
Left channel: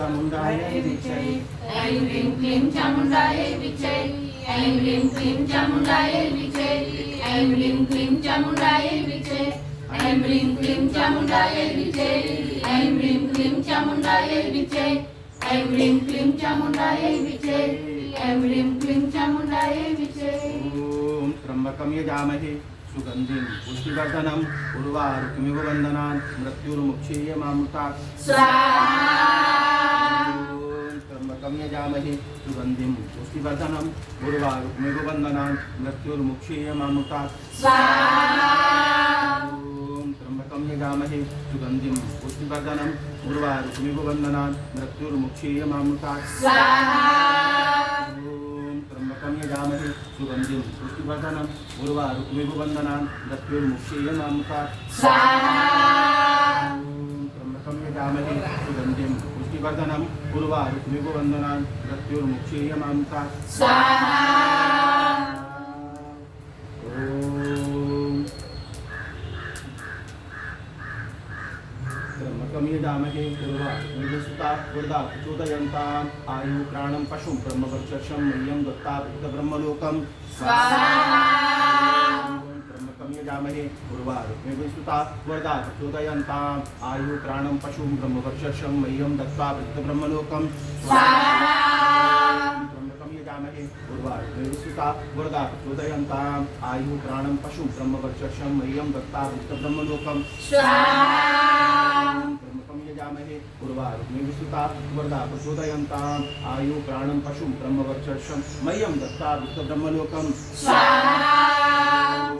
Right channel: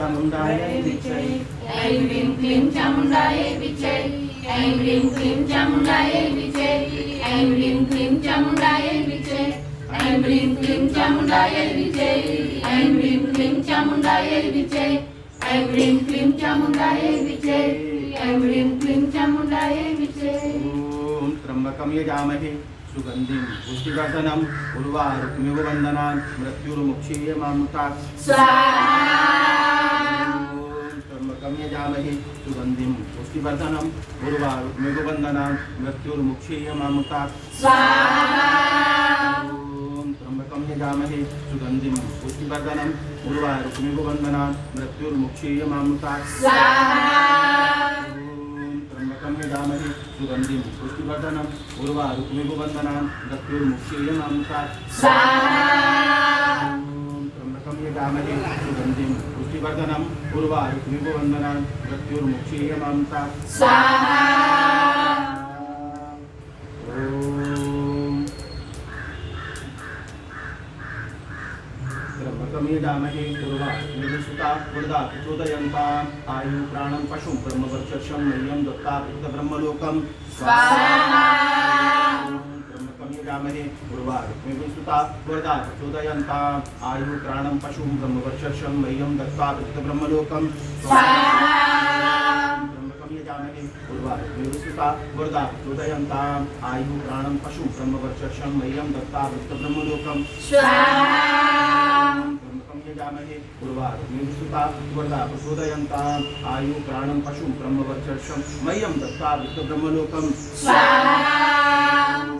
चामुण्डायै विच्चे ऐं ह्रीं क्लीं चामुण्डायै विच्चे ऐं ह्रीं क्लीं चामुण्डायै विच्चे ऐं ह्रीं क्लीं चामुण्डायै विच्चे ऐं ह्रीं क्लीं चामुण्डायै विच्चे ऐं ह्रीं क्लीं चामुण्डायै विच्चे ऐं ह्रीं क्लीं चामुण्डायै विच्चे ऐं ह्रीं क्लीं चामुण्डायै विच्चे। ॐ त्र्यम्बकं यजामहे सुगन्धिं पुष्टिवर्धनम् उर्वारुकमिव बन्धनान् मृत्युर्मुक्षीयमामृतात् त्र्यम्बकं यजामहे सुगन्धिं पुष्टिवर्धनम् उर्वारुकमिव बन्धनान् मृत्युर्मुक्षीयमामृतात् त्र्यम्बकं यजामहे सुगन्धिं पुष्टिवर्धनम् उर्वारुकमिव बन्धनान् मृत्युर्मुक्षीयमामृतात् त्र्यम्बकं यजामहे सुगन्धिं पुष्टिवर्धनम् उर्वारुकमिव बन्धनान् मृत्युर्मुक्षीयमामृतात् त्र्यम्बकं यजामहे सुगन्धिं पुष्टिवर्धनम् उर्वारुकमिव बन्धनान् मृत्युर्मुक्षीयमामृतात् त्र्यम्बकं यजामहे उर्वारुकमिव सुता वरदा प्रचोदयन्ताम् आयु प्राणं पशुं ब्रह्मवर्चस्वं मह्यं दत्ता ब्रह्मलोकं त्र्यम्बकं यजामहे उर्वारुकमिव सुता वरदा प्रचोदयन्ताम् आयु प्राणं पशुं ब्रह्मवर्चस्वं मह्यं दत्ता ब्रह्मलोकं त्र्यम्बकं यजामहे उर्वारुकमिव सुता वरदा प्रचोदयन्ताम् आयु प्राणं पशुं ब्रह्मवर्चस्वं मह्यं दत्ता ब्रह्मलोकं त्र्यम्बकं यजामहे उर्वारुकमिव सुता वरदा प्रचोदयन्ताम् आयु प्राणं पशुं ब्रह्मवर्चस्वं मह्यं दत्त्वा ब्रह्मलोकं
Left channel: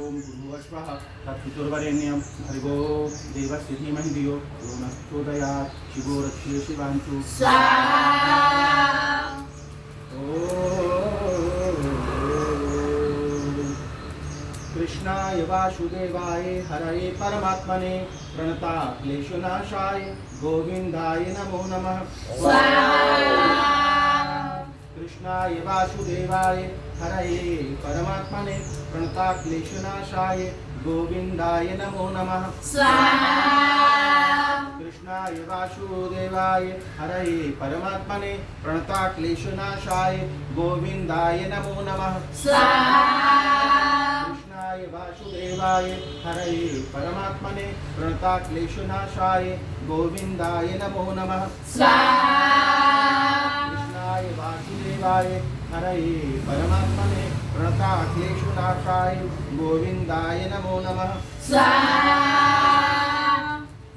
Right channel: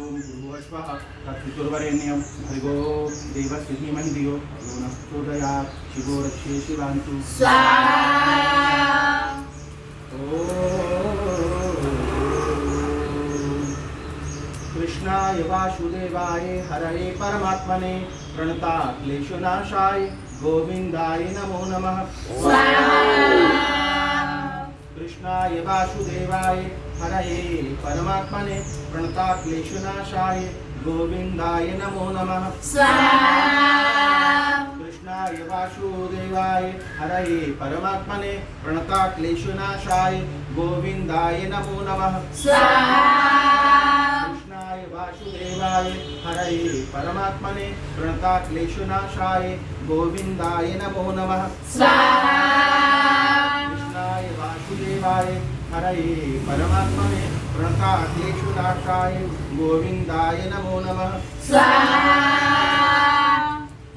भूर्भुवस्वः तत्पितुर्वरेण्यं भर्गो देवस्य धीमहि धियो यो नः प्रचोदयात् शिवो रक्षे शिवान्तु कृष्णाय वासुदेवाय हरये परमात्मने प्रणता क्लेशनाशाय गोविन्दाय नमो नमः कृष्णाय वासुदेवाय हरये परमात्मने प्रणता क्लेशनाशाय गोविन्दाय नमो नमः कृष्णाय वासुदेवाय हरये परमात्मने प्रणता क्लेशनाशाय गोविन्दाय नमो नमः कृष्णाय वासुदेवाय हरये परमात्मने प्रणता क्लेशनाशाय गोविन्दाय नमो नमः कृष्णाय वासुदेवाय हरये परमात्मने प्रणता क्लेशनाशाय गोविन्दाय नमो नमः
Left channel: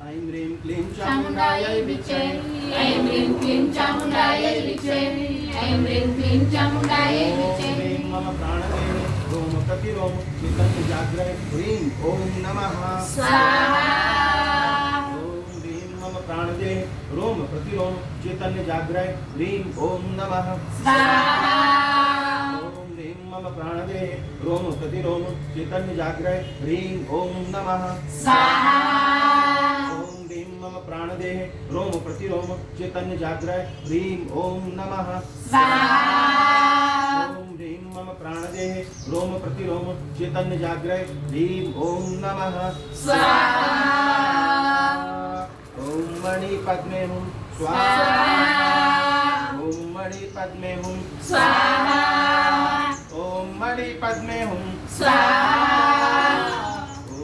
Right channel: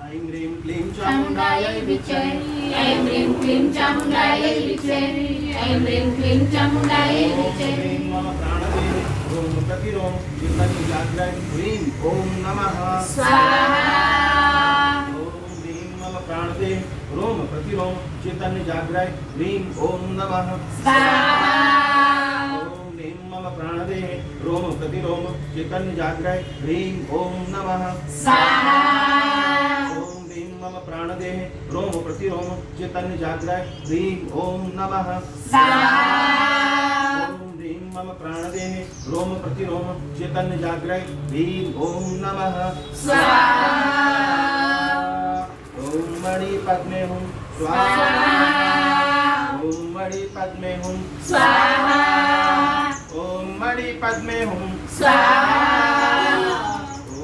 ऐं ह्रीं क्लीं चामुण्डायै विच्चे ऐं ह्रीं क्लीं चामुण्डायै विच्चे ऐं ह्रीं क्लीं चामुण्डायै विच्चे मम प्राणदेहे रोम प्रतिरोम चैतन्य जाग्रय ह्रीं ॐ नमः ॐ ह्रीं मम प्राणदेहे रोम प्रतिरोम चैतन्य जाग्रय ह्रीं ॐ नमः ॐ ह्रीं मम प्राणदेहे रोम प्रतिरोम चैतन्य जाग्रय ह्रीं ॐ नमः मम प्राणदेहे रोम प्रतिरोम चैतन्य जाग्रय ह्रीं ॐ नमः ॐ ह्रीं मम प्राणदेहे रोम प्रतिरोम चैतन्य जाग्रय ह्रीं ॐ नमः ॐ मणि पद्मे हुं स्वाहा ॐ मणि पद्मे हुं स्वाहा ॐ मणि पद्मे हुं स्वाहा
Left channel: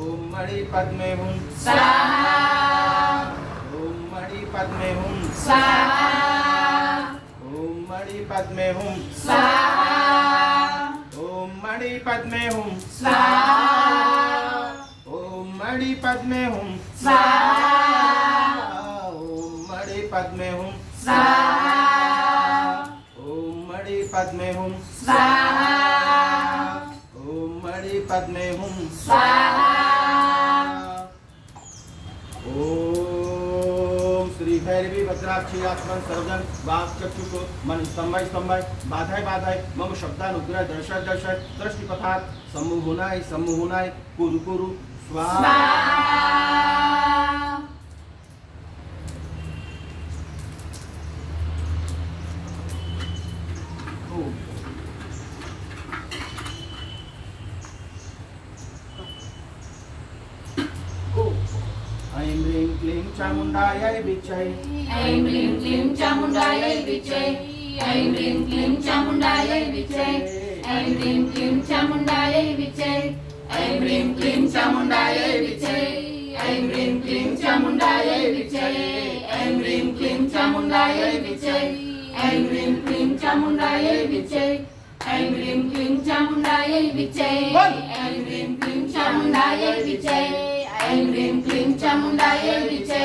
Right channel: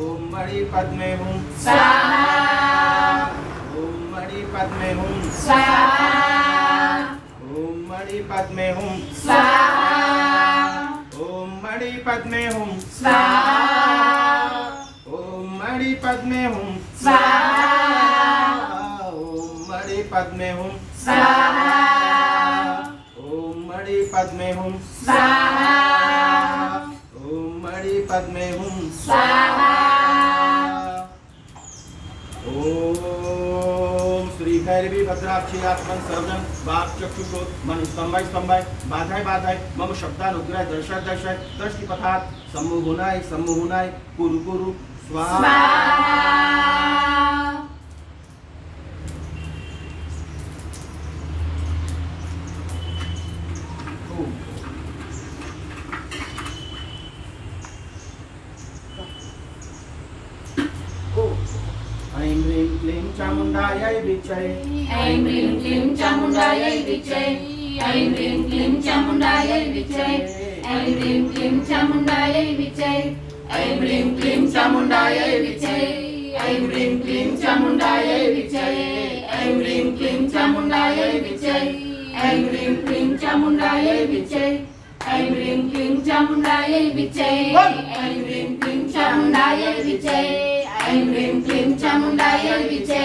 ॐ मणि पद्मे हुं स्वाहा पद्मे हुं स्वाहा ॐ मणि पद्मे हुं स्वाहा ॐ मणि पद्मे हुं स्वाहा ॐ मणि पद्मे हुं स्वाहा ॐ मणि पद्मे हुं स्वाहा ॐ मणि पद्मे हुं स्वाहा ॐ मणि पद्मे हुं स्वाहा श्री भैरवी भद्राक्षी आत्मन सर्वजन वाक चक्षुषोत मन स्तंभाय स्तंभाय बाधाय बाधाय मम शब्दानुग्रह दर्शय दर्शय दृष्टिपथात सम्मुहुनाय कुरु कुरु स्वाहा ऐं ऐं ह्रीं क्लीं चामुण्डायै विच्चे ऐं ह्रीं क्लीं चामुण्डायै विच्चे ऐं ह्रीं क्लीं चामुण्डायै विच्चे ऐं ह्रीं क्लीं चामुण्डायै विच्चे ऐं ह्रीं क्लीं चामुण्डायै विच्चे ऐं ह्रीं क्लीं चामुण्डायै विच्चे ऐं ह्रीं क्लीं चामुण्डायै विच्चे ऐं ह्रीं क्लीं चामुण्डायै विच्चे ऐं ह्रीं क्लीं चामुण्डायै विच्चे ऐं ह्रीं क्लीं चामुण्डायै विच्चे ऐं ह्रीं क्लीं चामुण्डायै विच्चे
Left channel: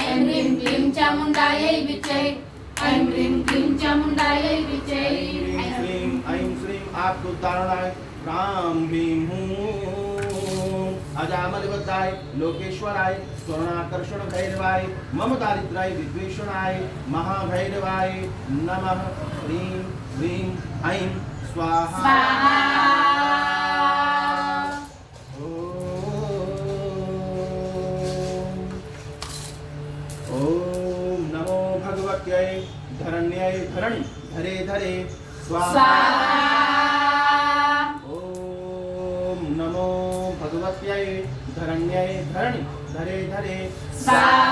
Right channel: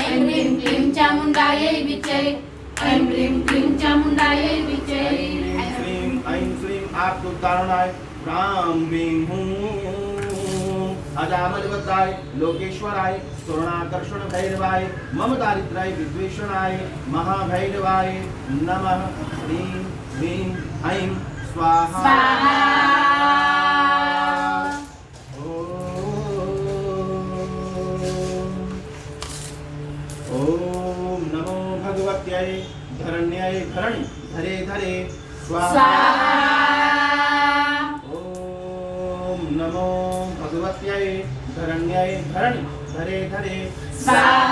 ऐं ह्रीं क्लीं चामुण्डायै विच्चे ऐं ह्रीं क्लीं चामुण्डायै विच्चे ऐं श्रीं आपदुद्धारणाय ह्रां ह्रीं हूं अजामलवताय लोकेश्वराय स्वर्णाकर्षण भैरवाय मम दारिद्र्याय विद्वेषणाय महाभैरवाय नमः ह्रीं ह्रीं ऐं स्वाहा ओम नमो भगवत्यै धरण्यै धरणि धरे धरे स्वाहा ओम नमो भगवत्यै धरण्यै धरणि धरे धरे स्वाहा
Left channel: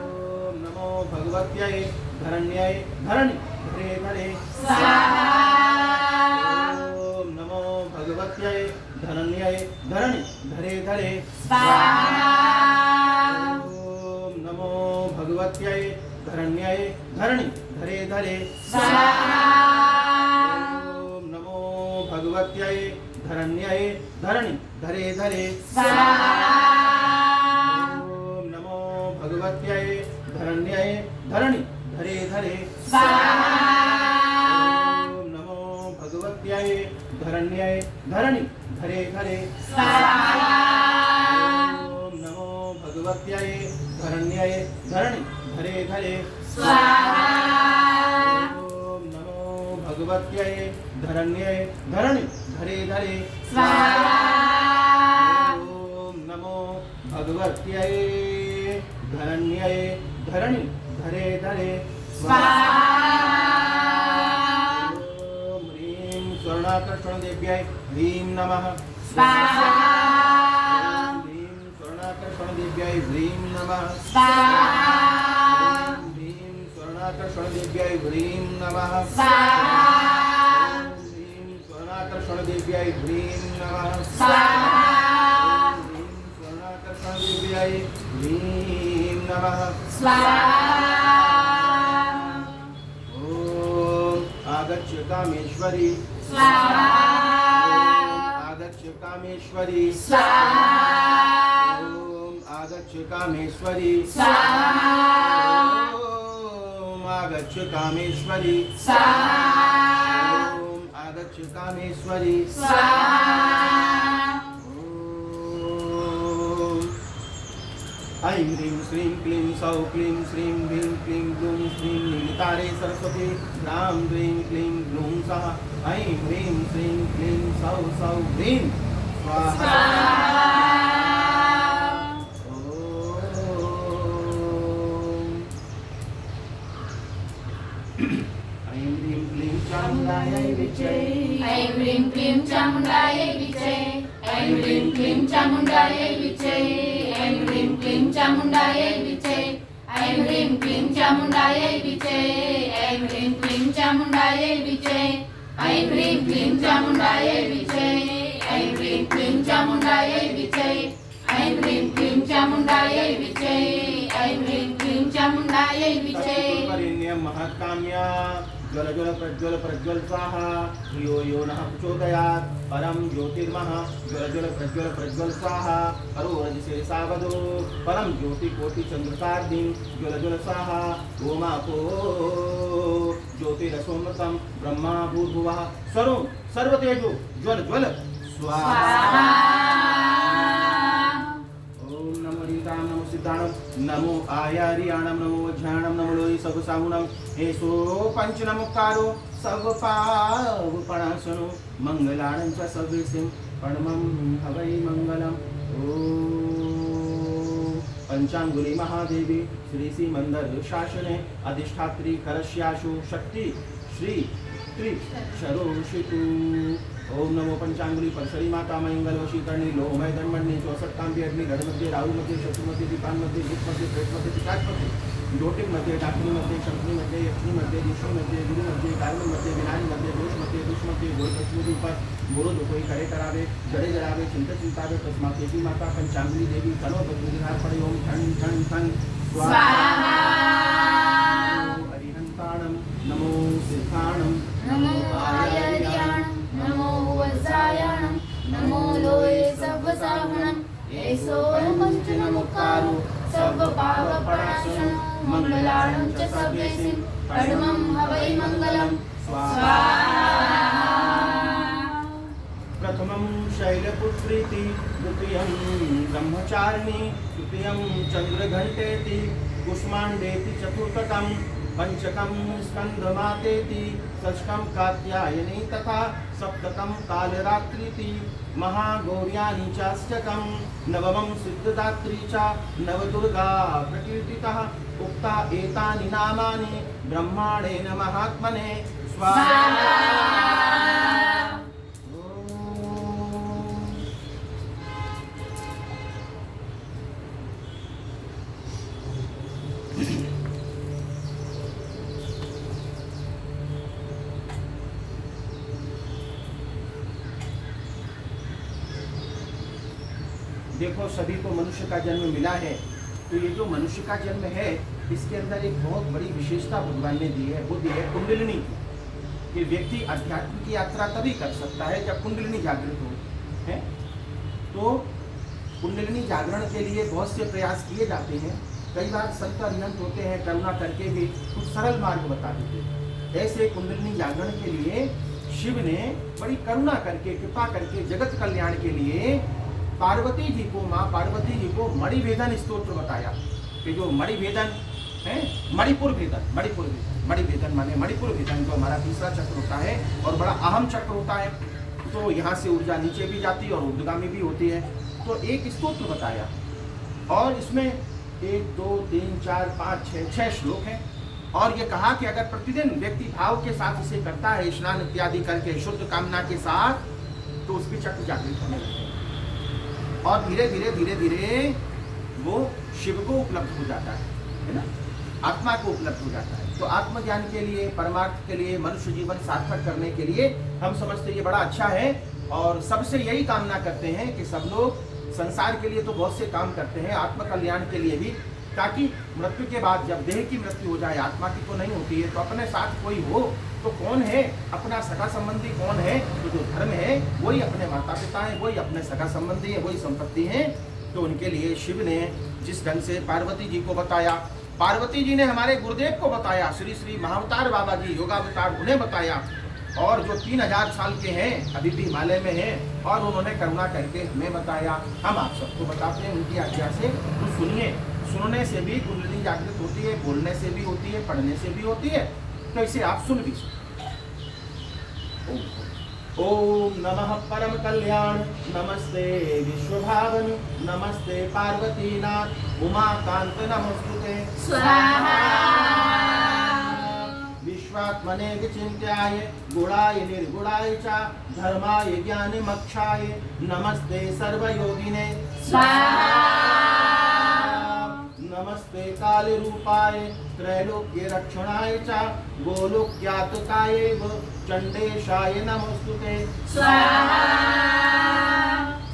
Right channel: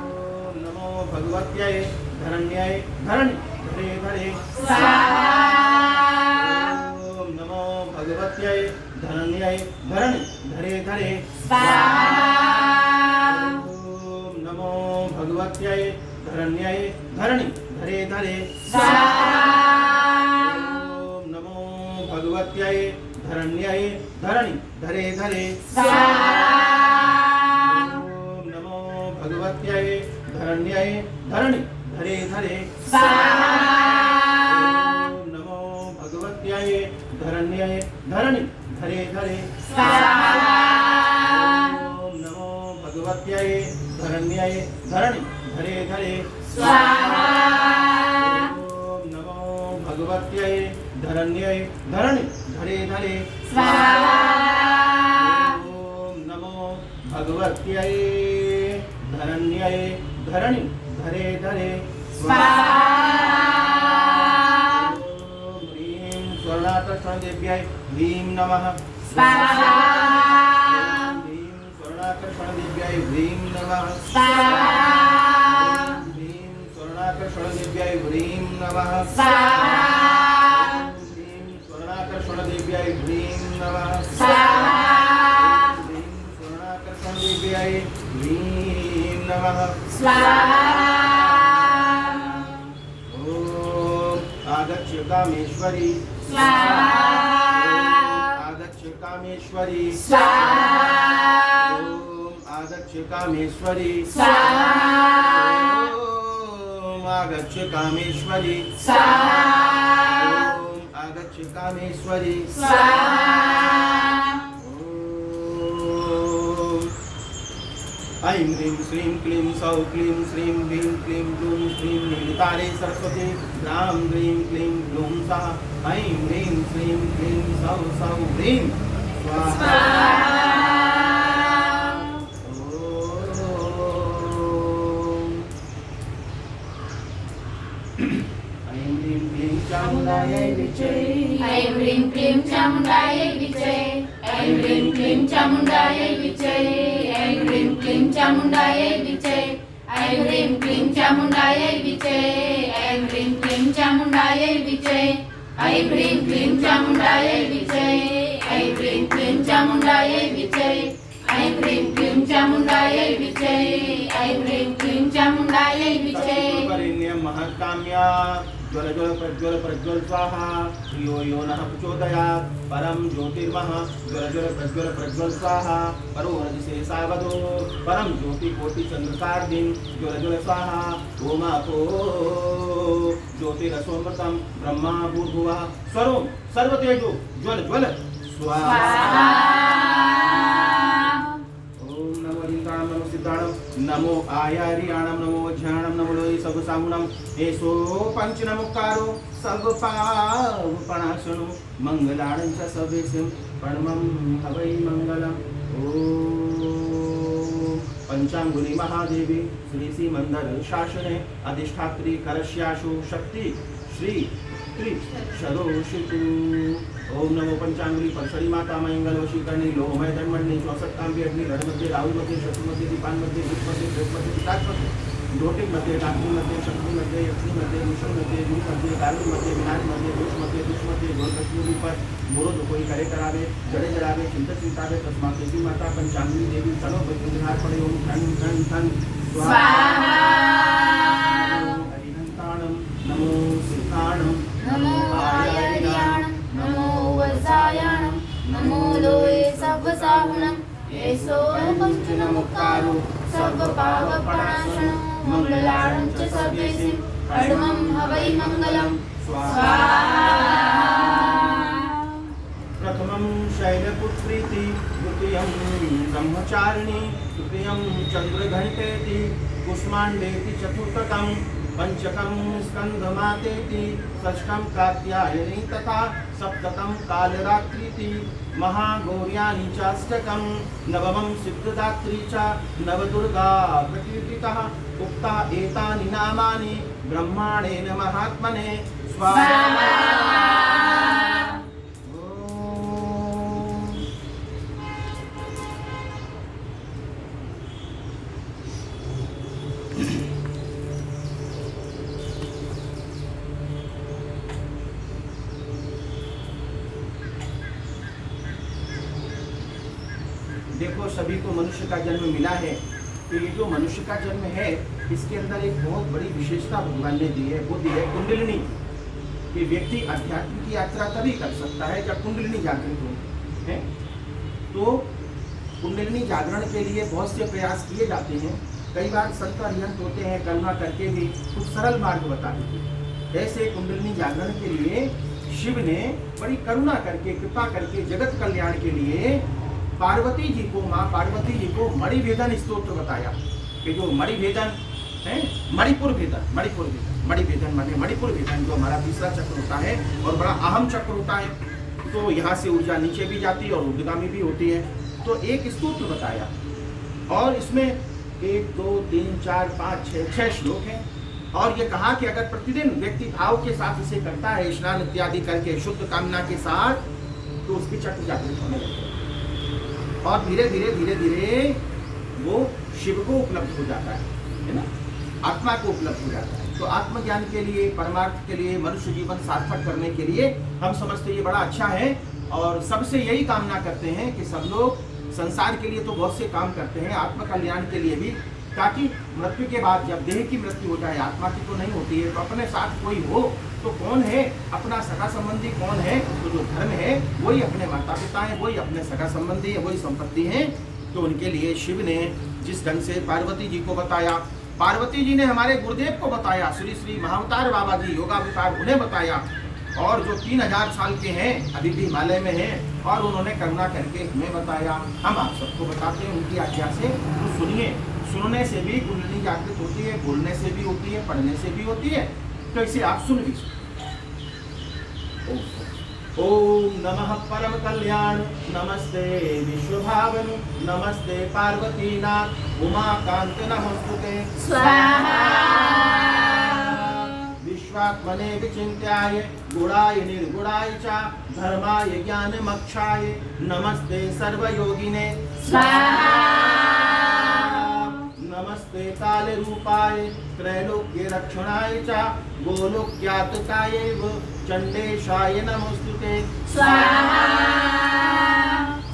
ओम नमो भगवत्यै धरण्यै धरणि धरे धरे स्वाहा ओम नमो भगवत्यै धरण्यै धरणि धरे धरे स्वाहा ओम नमो भगवत्यै धरण्यै धरणि धरे धरे स्वाहा ओम नमो भगवत्यै धरण्यै धरणि धरे धरे स्वाहा ओम नमो भगवत्यै धरण्यै धरणि धरे धरे स्वाहा ओम नमो भगवत्यै धरण्यै धरणि धरे धरे स्वाहा ओम नमो भगवत्यै धरण्यै धरणि धरे धरे स्वाहा ओम नमो भगवत्यै धरण्यै धरणि धरे धरे स्वाहा ओम नमो भगवत्यै धरण्यै धरणि धरे धरे स्वाहा ओम ह्रीं स्वर्णाकर्षण देव्यै ह्रीं नमः स्वाहा ह्रीं स्वर्णाकर्षण देव्यै ह्रीं नमः स्वाहा ह्रीं स्वर्णाकर्षण देव्यै ह्रीं नमः स्वाहा ह्रीं स्वर्णाकर्षण देव्यै ह्रीं नमः स्वाहा ह्रीं स्वर्णाकर्षण देव्यै ह्रीं नमः स्वाहा ओम आगच्छ कामेश्वरी स्वाहा आगच्छ कामेश्वरी स्वाहा ओम आगच्छ कामेश्वरी स्वाहा ओम आगच्छ कामेश्वरी स्वाहा ओम आगच्छ कामेश्वरी स्वाहा ओम ऐं ह्रीं श्रीं क्लीं सौः क्लीं श्रीं ह्रीं क्लीं ग्लूं श्रीं नीलितारे सरस्वती ह्रां ह्रीं क्लीं ग्लूं सः ऐं ह्रीं श्रीं क्लीं सौः सौः ह्रीं स्वाहा ऐं ह्रीं क्लीं चामुण्डायै विच्चे ऐं ह्रीं क्लीं चामुण्डायै विच्चे ऐं ह्रीं क्लीं चामुण्डायै विच्चे ऐं ह्रीं क्लीं चामुण्डायै विच्चे ऐं ह्रीं क्लीं चामुण्डायै विच्चे ऐं ह्रीं क्लीं चामुण्डायै विच्चे ऐं ह्रीं क्लीं चामुण्डायै विच्चे ऐं ह्रीं क्लीं चामुण्डायै विच्चे ऐं ह्रीं क्लीं चामुण्डायै विच्चे ऐं ह्रीं क्लीं चामुण्डायै विच्चे वरेण्यं महत्काम्या ज्वल ज्वल प्रज्वल प्रज्वल स्वाहा यो यो नः प्रचोदयात् परं ज्योतिर्मः ज्वल ज्वल प्रज्वल स्वाहा परो रजसे सावधो परं ज्योति कोटि चंद्रकार्दिं ज्वल ज्वल स्वाहा ओमापो ज्योतिरसोमृतं ब्रह्मा भूर्भुवः स्वरूप सर्वतेजो ज्वल ज्वल स्वाहा ओम नमो रितां नमो सिद्धाणं नमो आयार्याणं नमो वज्राणं नमो लोहि सबसाहुणं एषो पंचनमुकारो सर्वपावपणाशनो मंगलाणं च सवेसिं प्रणमं हवै मंगलम् ओम पंचांगुली महादेवी श्री श्री मंदिर शासने अधिष्ठात्री करस्याशु शक्ति श्री शैलपुत्री शरोषितु। ओम नमो पंचांगुली परसरी माता मंगल वशीकरणी लोहमय धनमंडली 64 तांबी अग्नि गढ़ मध्ये राहु मध्ये शत्रु मध्ये दीपान मध्ये भूत मध्ये प्रेत मध्ये पिशाच मध्ये ज्योतिक मध्ये डाकिनी मध्ये शक्ति मध्ये यक्षिणी मध्ये विष्णु मध्ये गुरु मध्ये कारुणी मध्ये विनारी मध्ये दोष मध्ये दुष्ट मध्ये गोल कस्तूरी पर मोरो जो कोई करे करावे जड़े जड़ावे चिंता चिंतावे तस्मा देवी माता पंचांगुली देवी तनो बद्रुहार पड़े ओम ठन ठन ठन स्वाहा। अरिहंताणं नमो सिद्धाणं नमो आयर्याणं नमो वज्रायाणं नमो लोये सर्वसाहुणं येसो पंचनमुक्तारो सर्वपावपणाशनं मंगलार्णं च सर्वेसिं परमं हवै मंगलं स्वाहा। प्रथमं शैलपुत्रीति द्वितीयं ब्रह्मचारिणी तृतीयं चंद्रघंटेति कुष्मांडेति चतुर्थकं पंचकं स्कंदमातेति षष्ठं कात्यायनी तथा सप्तकं कालरात्रीति महागौर्यानि चाष्टकं नवमं सिद्धदात्री च नवदुर्गा प्रकीर्तितः उक्ता एतानि नामानि ब्रह्माणेन महात्मने स्वाहा। देखो सभी को मनुष्य का जन्म मिला है, तो ये जो मनुष्य का जन्म है इसके अंदर एक बहुत बड़ी विशेषता भगवान ने दी है, वो दी है कुंडलिनी कि व्यक्ति अध्यात्म की यात्रा तभी कर सकता है जब कुंडलिनी जागृत हो है। तो कुंडलिनी जागरण के लिए बहुत से प्रयास किए जाते हैं। कई बार संत अरिहंत होते हैं, करुणा करके भी कुछ सरल मार्ग बता देते। ऐसे कुंडलिनी जागरण के लिए शिव ने बड़ी करुणा करके कृपा करके जगत कल्याण के लिए पार्वती जी को, माँ पार्वती जी को मणिभेदन स्तोत्र बताया कि जो मणिभेदन है, मणिपुर भेदन माने मणिपुर भेदन, जो हमारा तीसरा चक्र होता है और बड़ा अहम चक्र होता है, तो यहाँ से ऊर्जा नीचे भी जाती है और ऊर्ध्वगामी भी होती है। तो एक स्तोत्र बताया और इसमें 1 2 3 4 5 6 श्लोक हैं और ये कहा कि अगर प्रतिदिन व्यक्ति भाव के साथ इसे करता है, स्नान इत्यादि करके शुद्ध कामना के साथ, तो उसके चक्र जागृत होने लगते हैं और धीरे धीरे वो शिव को उपलब्ध हो जाता है ना, आत्मा को उपलब्ध हो जाता है। तो आत्मज्ञान के लिए, परमार्थ के लिए, मनुष्य जीवन सार्थक करने के लिए हम समझते ये बड़ा अच्छा है और सबसे यही कामना करते हैं कि सब लोग संसार के लिए तो बहुत से काम करते हैं, आत्म कल्याण के लिए भी, ताकि मृत्यु के बाद जब देह की मृत्यु हो जाए, आत्मा की तो नहीं होती है, तो अपने साथ कोई हो तो कौन है, अपना सगा संबंधी कौन है, तो जो धर्म है वही अपने माता पिता हैं, वही अपने सगा संबंधी है, वही संपत्ति है। तो उनके लिए शिव ने जिस ढंग से पार्वती जी को बताया, पार्वती जी ने हमारे गुरुदेव को बताया, श्री श्री महाअवतार बाबा जी योगावतार उन्हें बताया, और जो 3000 साल के हैं अभी भी हिमालय में हैं और उन्होंने करुणा करके हमें बताया। हम आप सबको बताते हैं उनकी आज्ञा से, तो सुनिए। सुनने से भी कुंडलिनी जागृत होती है, बोलने से भी होती है, पढ़ने से भी होती है, तो इसे आप सुन भी सकते। ओम नमः परम कल्याण नमस्ते विश्वभावनु नमस्ते पार्वतीनाथ उमाकांत नमस्तुते स्वाहा। विश्वात्मने विचिन्त्याय गुणाय निर्गुणाय च धर्माय ज्ञानमक्षाय नमस्ते सर्वयोगिने स्वाहा। नमस्ते काल रूपाय त्रैलोक्य रक्षणाय च गोलोक्यातकाय चंडेशाय नमोस्तुते स्वाहा।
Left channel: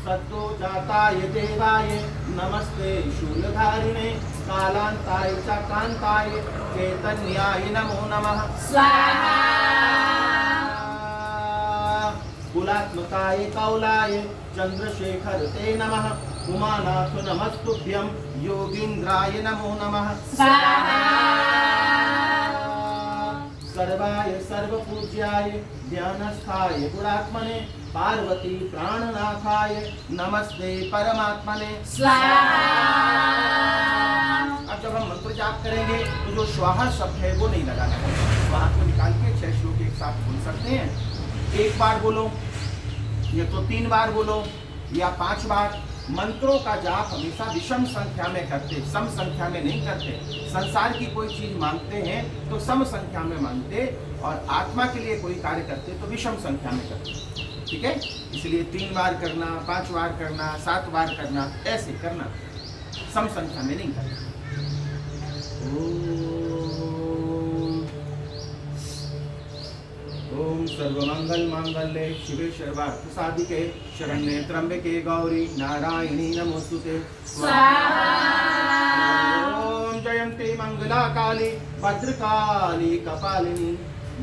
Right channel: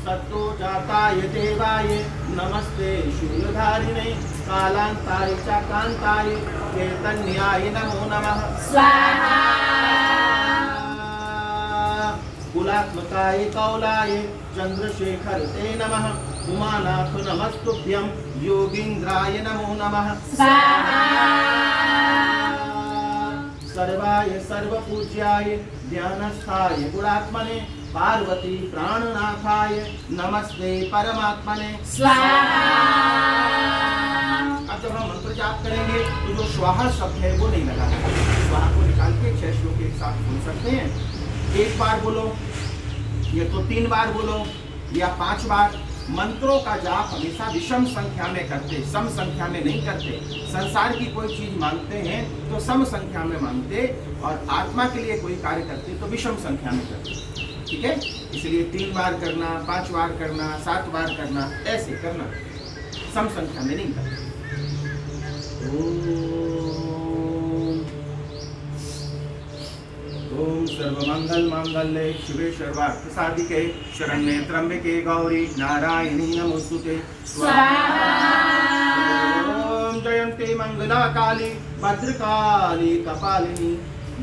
सत्तो जाताय देवाय नमस्ते शूलधारिणे कालांताय च कांताय चैतन्याय नमो नमः स्वाहा। कुलात्मकाय कौलाय चंद्रशेखर ते नमः उमानाथ नमस्तुभ्यं योगींद्राय नमो नमः स्वाहा। सर्वाय सर्वपूज्याय ध्यानस्थाय गुणात्मने पार्वती प्राणनाथाय नमस्ते परमात्मने स्वाहा। अब जब हम मंत्र जाप करेंगे तो जो स्वाहा शब्द है वो नहीं लगाना है, स्वाहा को निकाल के 6 श्लोक एक साथ बोल सकते हैं। एक बार बोलो, ये तो 3 बार बोलो, या 5 बार। मंत्रों का जाप हमेशा विषम संख्या में करते, सम संख्या में नहीं करते। संसार की कोई चीज मांगते हैं तो सम संख्या में मांगते, और आत्मा के लिए कोई कार्य करते तो विषम संख्या में करते। ठीक है, इसलिए 3 बार करना, 5 बार करना, 7 बार करना, ऐसे करना, सम संख्या में नहीं करना। ओम सर्वमंगल मांगल्ये शिवे सर्वार्थ साधिके शरण्ये त्र्यंबके गौरी नारायणी नमोस्तुते। ओम जयंती मंगला काली भद्रकाली कपालिनी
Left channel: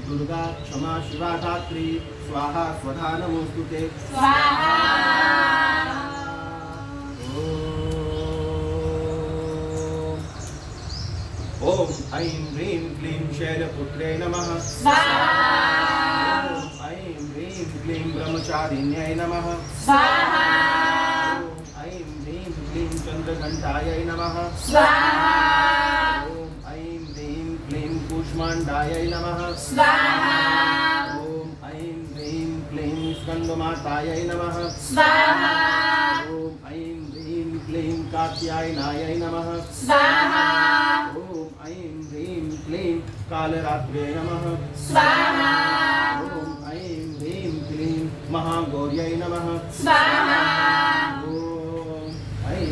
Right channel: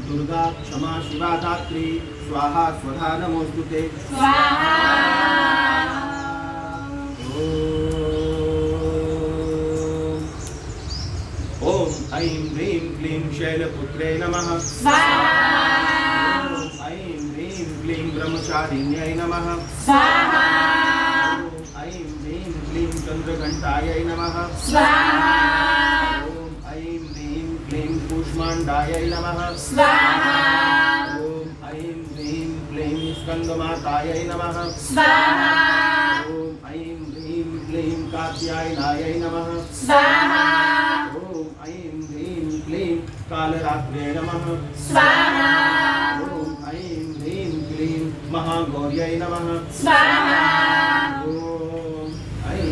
दुर्गा क्षमा शिवा धात्री स्वाहा स्वधा नमोस्तुते। ओम ऐं ह्रीं क्लीं शैलपुत्रे नमः। ओम ऐं ह्रीं क्लीं ब्रह्मचारिण्यै नमः। ओम ऐं ह्रीं क्लीं चंद्रघंटायै नमः। ओम ऐं ह्रीं क्लीं कूष्माण्डायै नमः। ओम ऐं ह्रीं क्लीं स्कंदमातायै नमः। ओम ऐं ह्रीं क्लीं कात्यायनायै नमः। ओम ऐं ह्रीं क्लीं कालरात्रे नमः। ओम ऐं ह्रीं क्लीं महागौर्यै नमः। ओम ऐं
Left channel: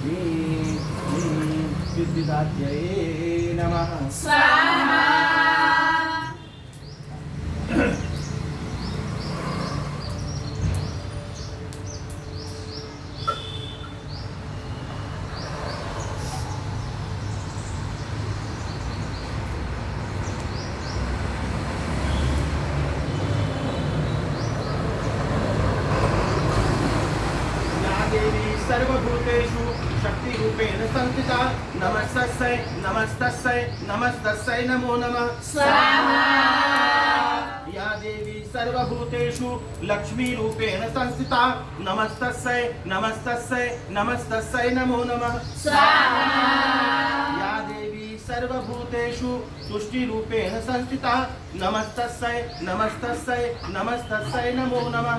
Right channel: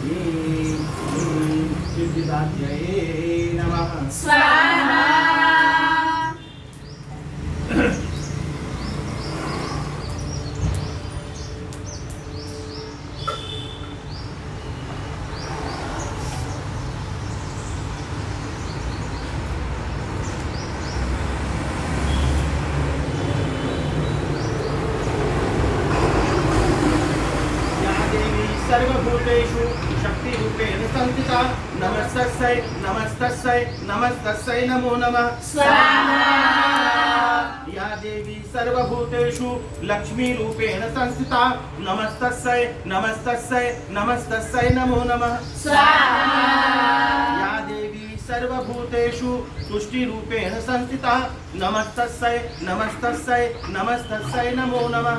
ह्रीं क्लीं सिद्धिदात्र्यै नमः। सर्वभूतेषु शक्तिरूपेण संस्थिता नमस्तस्यै नमस्तस्यै नमस्तस्यै नमो नमः। या देवी सर्वभूतेषु लक्ष्मीरूपेण संस्थिता नमस्तस्यै नमस्तस्यै नमस्तस्यै नमो नमः। या देवी सर्वभूतेषु तुष्टिरूपेण संस्थिता नमस्तस्यै नमस्तस्यै नमस्तस्यै नमो नमः।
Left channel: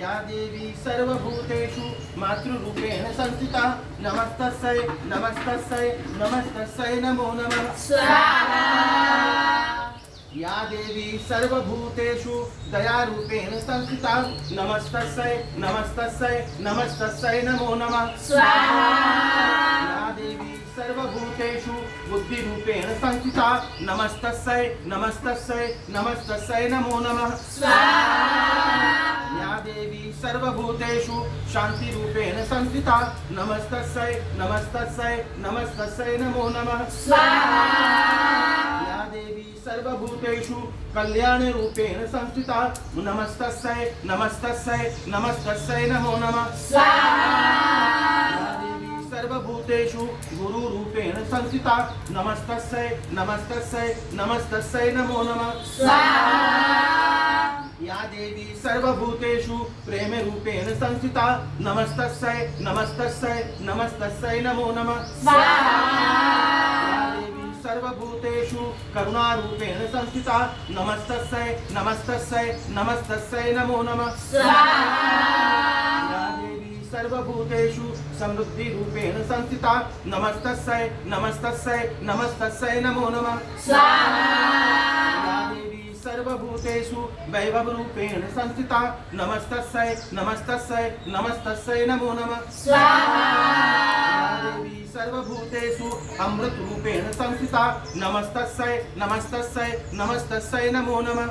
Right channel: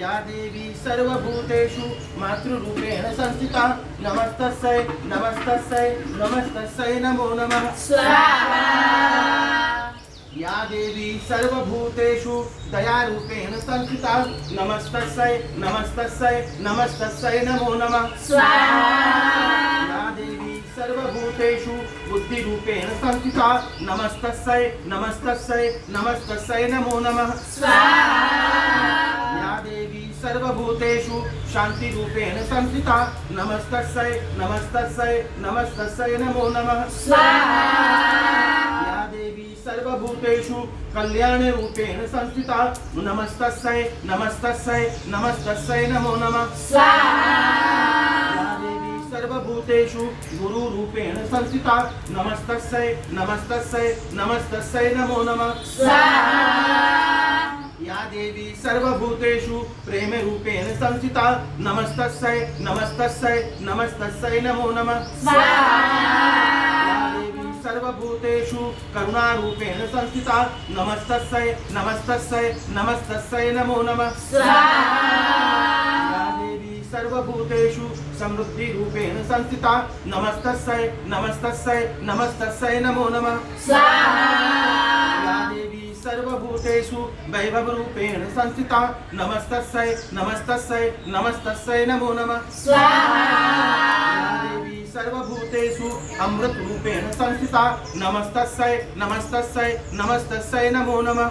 या देवी सर्वभूतेषु मातृरूपेण संस्थिता नमस्तस्यै नमस्तस्यै नमस्तस्यै नमो नमः। या देवी सर्वभूतेषु दयारूपेण संस्थिता नमस्तस्यै नमस्तस्यै नमस्तस्यै नमो नमः। या देवी सर्वभूतेषु बुद्धिरूपेण संस्थिता नमस्तस्यै नमस्तस्यै नमस्तस्यै नमो नमः। या देवी सर्वभूतेषु शांतिरूपेण संस्थिता नमस्तस्यै नमस्तस्यै नमस्तस्यै नमो नमः। या देवी सर्वभूतेषु कल्याणरूपेण संस्थिता नमस्तस्यै नमस्तस्यै नमस्तस्यै नमो नमः। या देवी सर्वभूतेषु गुरुरूपेण संस्थिता नमस्तस्यै नमस्तस्यै नमस्तस्यै नमो नमः। या देवी सर्वभूतेषु प्रेम रूपेण संस्थिता नमस्तस्यै नमस्तस्यै नमस्तस्यै नमो नमः। या देवी सर्वभूतेषु करुणारूपेण संस्थिता नमस्तस्यै नमस्तस्यै नमस्तस्यै नमो नमः। या देवी सर्वभूतेषु समृद्धिरूपेण संस्थिता नमस्तस्यै नमस्तस्यै नमस्तस्यै नमो नमः। सर्वभूतेषु वैभव रूपेण संस्थिता नमस्तस्यै नमस्तस्यै नमस्तस्यै नमो नमः। या देवी सर्वभूतेषु अमृत रूपेण संस्थिता नमस्तस्यै नमस्तस्यै नमस्तस्यै नमो नमः।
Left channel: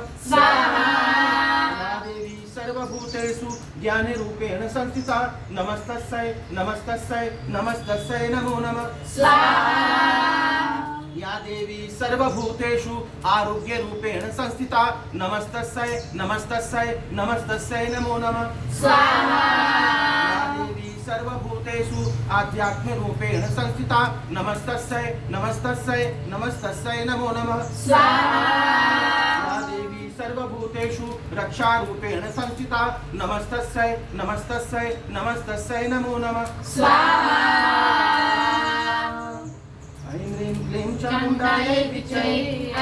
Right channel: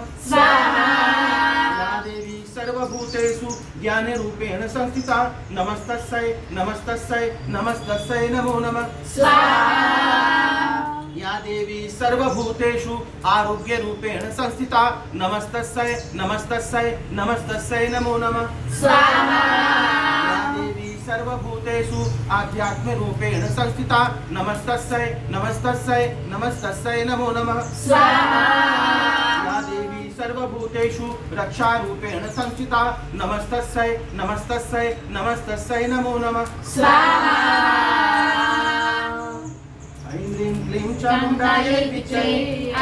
या देवी सर्वभूतेषु ज्ञान रूपेण संस्थिता नमस्तस्यै नमस्तस्यै नमस्तस्यै नमो नमः। या देवी सर्वभूतेषु आरोग्य रूपेण संस्थिता नमस्तस्यै नमस्तस्यै नमस्तस्यै नमो नमः। या देवी सर्वभूतेषु आध्यात्म रूपेण संस्थिता नमस्तस्यै नमस्तस्यै नमस्तस्यै नमो नमः। या देवी सर्वभूतेषु रक्षा रूपेण संस्थिता नमस्तस्यै नमस्तस्यै नमस्तस्यै नमो नमः। ऐं ह्रीं क्लीं चामुण्डायै विच्चे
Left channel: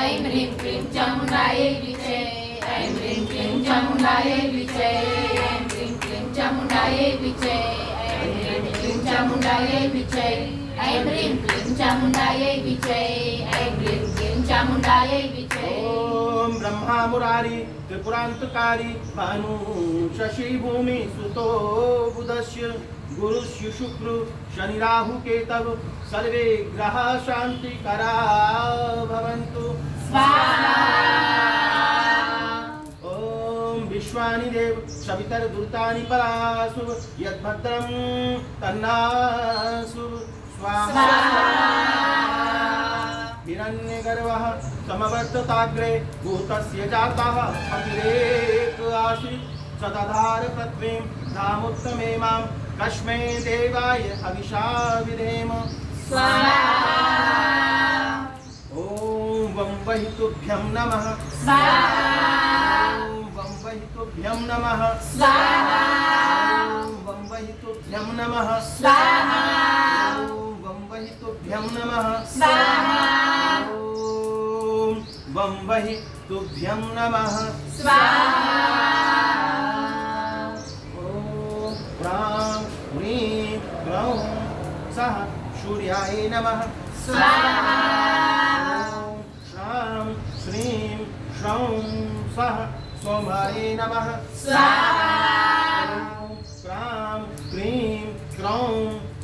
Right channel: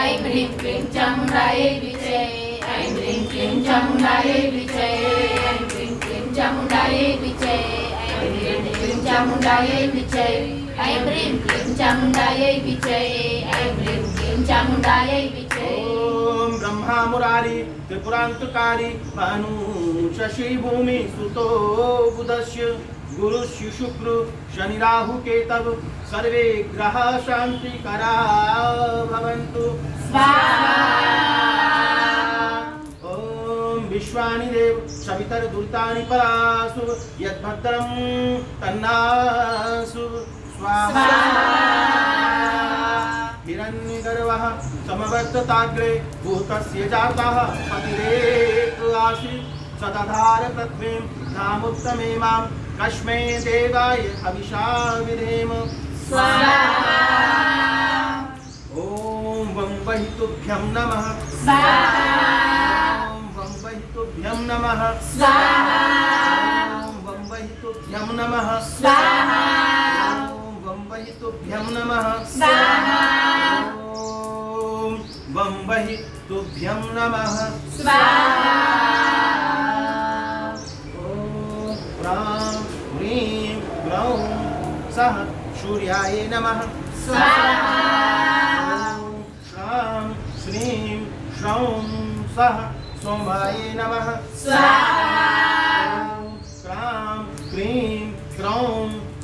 ऐं ह्रीं क्लीं चामुण्डायै विच्चे ऐं ह्रीं क्लीं चामुण्डायै विचे ऐं ह्रीं क्लीं चामुण्डायै विचे ऐं ह्रीं क्लीं चामुण्डायै विचे ऐं ह्रीं क्लीं चामुण्डायै विचे ऐं ह्रीं क्लीं चामुण्डायै विचे। ओम ब्रह्मा मुरारी त्रिपुरांतकारी भानु शशि भूमि सुतो बुधस्य गुरुस्य शुक्र शनि राहु केतव सर्वे ग्रह शांतिकरा भवन्तु स्वाहा। ओम विश्वानि देव सवितर्दुर्तानि परासु यद्भद्रं तन्नासु स्वाहा। हिरण्यगर्भः समवर्तताग्रे भूतस्य जातः पतिरेक आसीत् सदधार पृथ्वीं धामुत्तमे मां कस्मै देवाय हविषा विधेम स्वाहा। ॐ वं वहितुभ्यं नमः स्वाहा। ॐ वं वहितुभ्यं नमः स्वाहा। ॐ वं वहितुभ्यं नमः स्वाहा। ॐ वं वहितुभ्यं नमः स्वाहा। ॐ वं वहितुभ्यं नमः स्वाहा। ॐ ह्रां ह्रीं ग्रौं सः सूर्याय नमः स्वाहा। ॐ श्रां श्रीं श्रौं सः सोमाय नमः स्वाहा। ॐ क्रां क्रीं क्रौं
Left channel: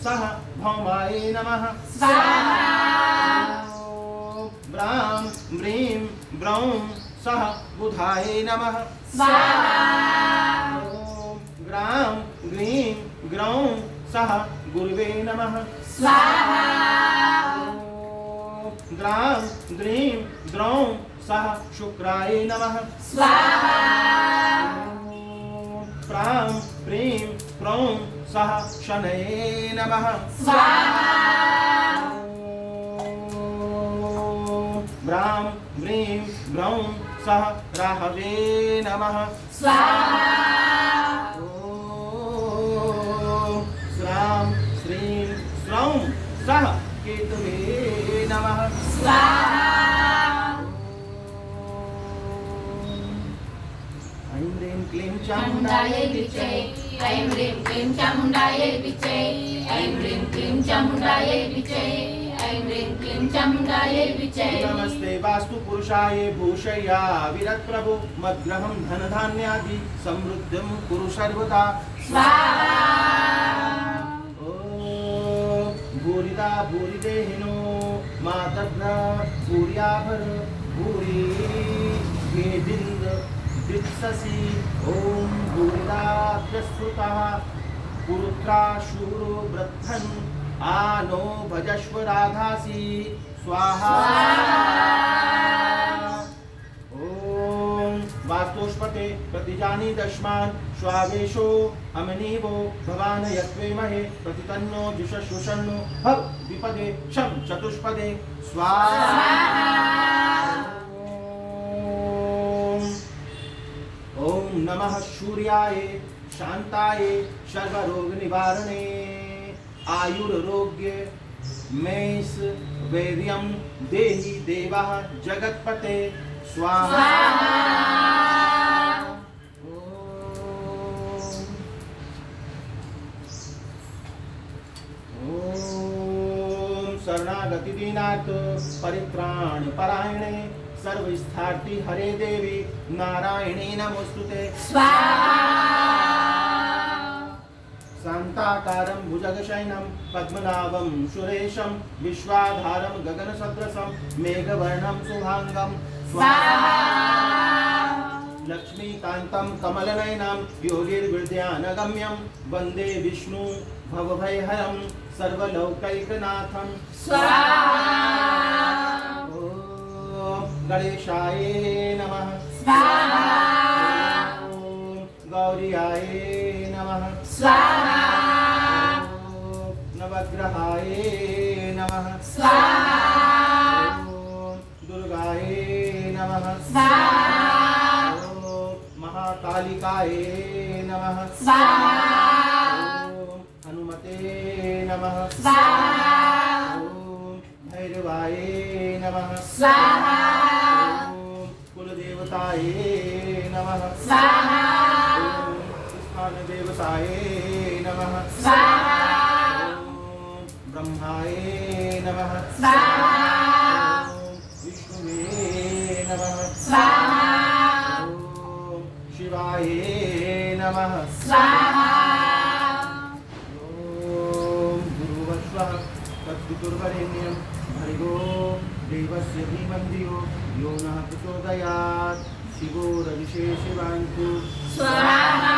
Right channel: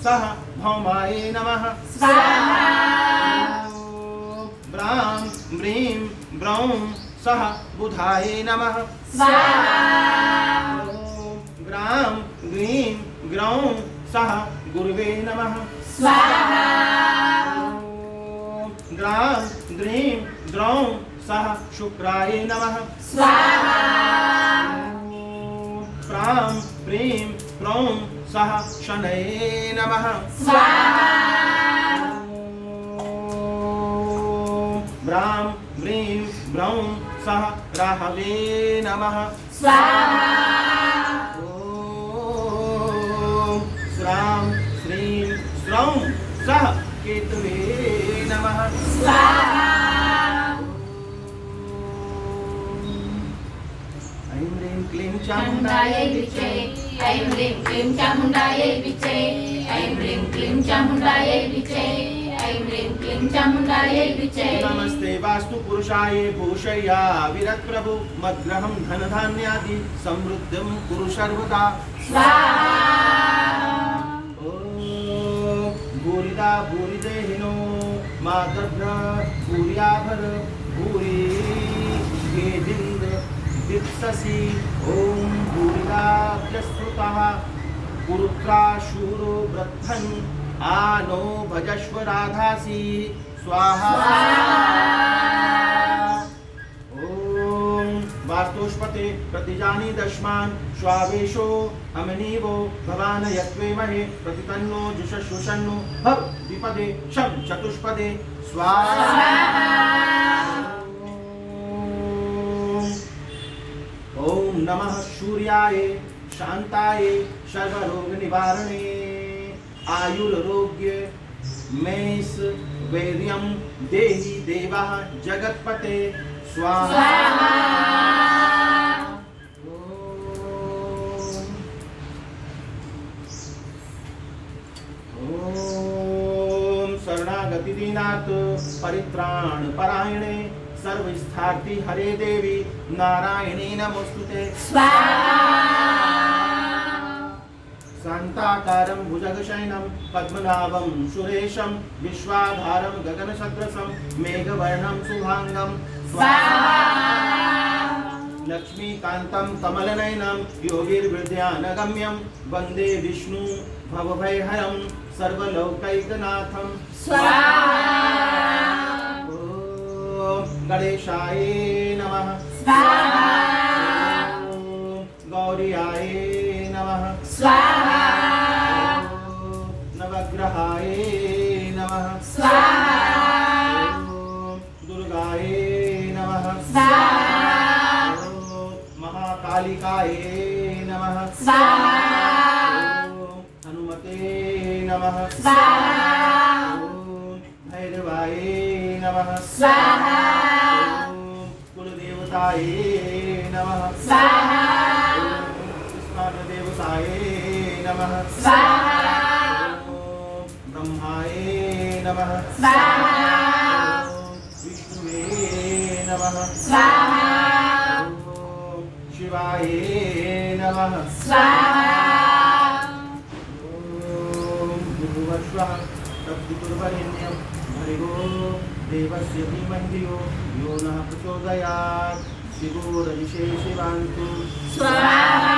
सः भौमाय नमः स्वाहा। ॐ ब्रां ब्रीं ब्रौं सः बुधाय नमः स्वाहा। ॐ ग्रां ग्रीं ग्रौं सः गुरुवे नमः स्वाहा। ॐ ग्रां ग्रीं ग्रौं सः शुक्राय नमः स्वाहा। ॐ प्रां प्रीं प्रौं सः शनये नमः स्वाहा। ॐ ब्रां ब्रीं ब्रौं सः राहवे नमः स्वाहा। ॐ श्रां श्रीं श्रौं सः केतवे नमः स्वाहा। ऐं ह्रीं क्लीं चामुण्डायै विचे ऐं ह्रीं क्लीं चामुण्डायै विचे ऐं ह्रीं क्लीं चामुण्डायै विचे ऐं ह्रीं क्लीं चामुण्डायै विचे। नमस्ते वास्तु पुरुषाय भूषय्या विरत प्रभु मद्ग्रहं धन धान्यादि समृद्धिं कुरु सर्वदा स्वाहा। ॐ भूरिदा भूरिदेहिनो मातर्भ्र भूर्याभर भूरि वेदिन्द दिप्ससि ॐ भूरिदाभ्यस्तुतः पुरुत्रा शूरो वृद्धन् आनो भजस्व राधासि स्वाहा। ॐ वास्तुष्पते प्रतिजानी दश्मान् स्वावेशो हमनीवो भवान यत्वेमहे प्रतितन्नो जुषश्वशन्नो भव द्विपदे शं चतुष्पदे स्वाहा। ॐ नमः सूर्याय शान्ताय सर्वरोग निवारणे आयुरारोग्य मेष वैर्यं देहि देवः जगत्पते स्वाहा। ॐ शरणागति दीनार्थ परित्राण परायणे सर्वस्थार्थी हरे देवी नारायणी नमोस्तुते स्वाहा। शान्ताकारं भुजगशयनं पद्मनाभं सुरेशं विश्वाधारं गगनसदृशं मेघवर्णं शुभांगं स्वाहा। लक्ष्मीकान्तं कमलनयनं योगिर्विद्यानगम्यं वन्दे विष्णु भवभयहरं सर्वलोकैकनाथं स्वाहा। ॐ गणेशाय नमः स्वाहा। ॐ गौर्याय नमः स्वाहा। ॐ नवग्रहाय नमः स्वाहा। ॐ दुर्गाय नमः स्वाहा। ॐ महाकालिकाय नमः स्वाहा। ॐ हनुमते नमः स्वाहा। ॐ भैरवाय नमः स्वाहा। ॐ कुलदेवताय नमः स्वाहा देवताय नमः स्वाहा ब्रह्माय नमः स्वाहा विष्णुवे नमः स्वाहा शिवाय नमः स्वाहा भूर्भुवस्वः तत्पितुर्वरेण्यं भर्गो देवस्य धीमहि धियो यो नः प्रचोदयात् शिवो रजिषे शिवान्तु स्वाहा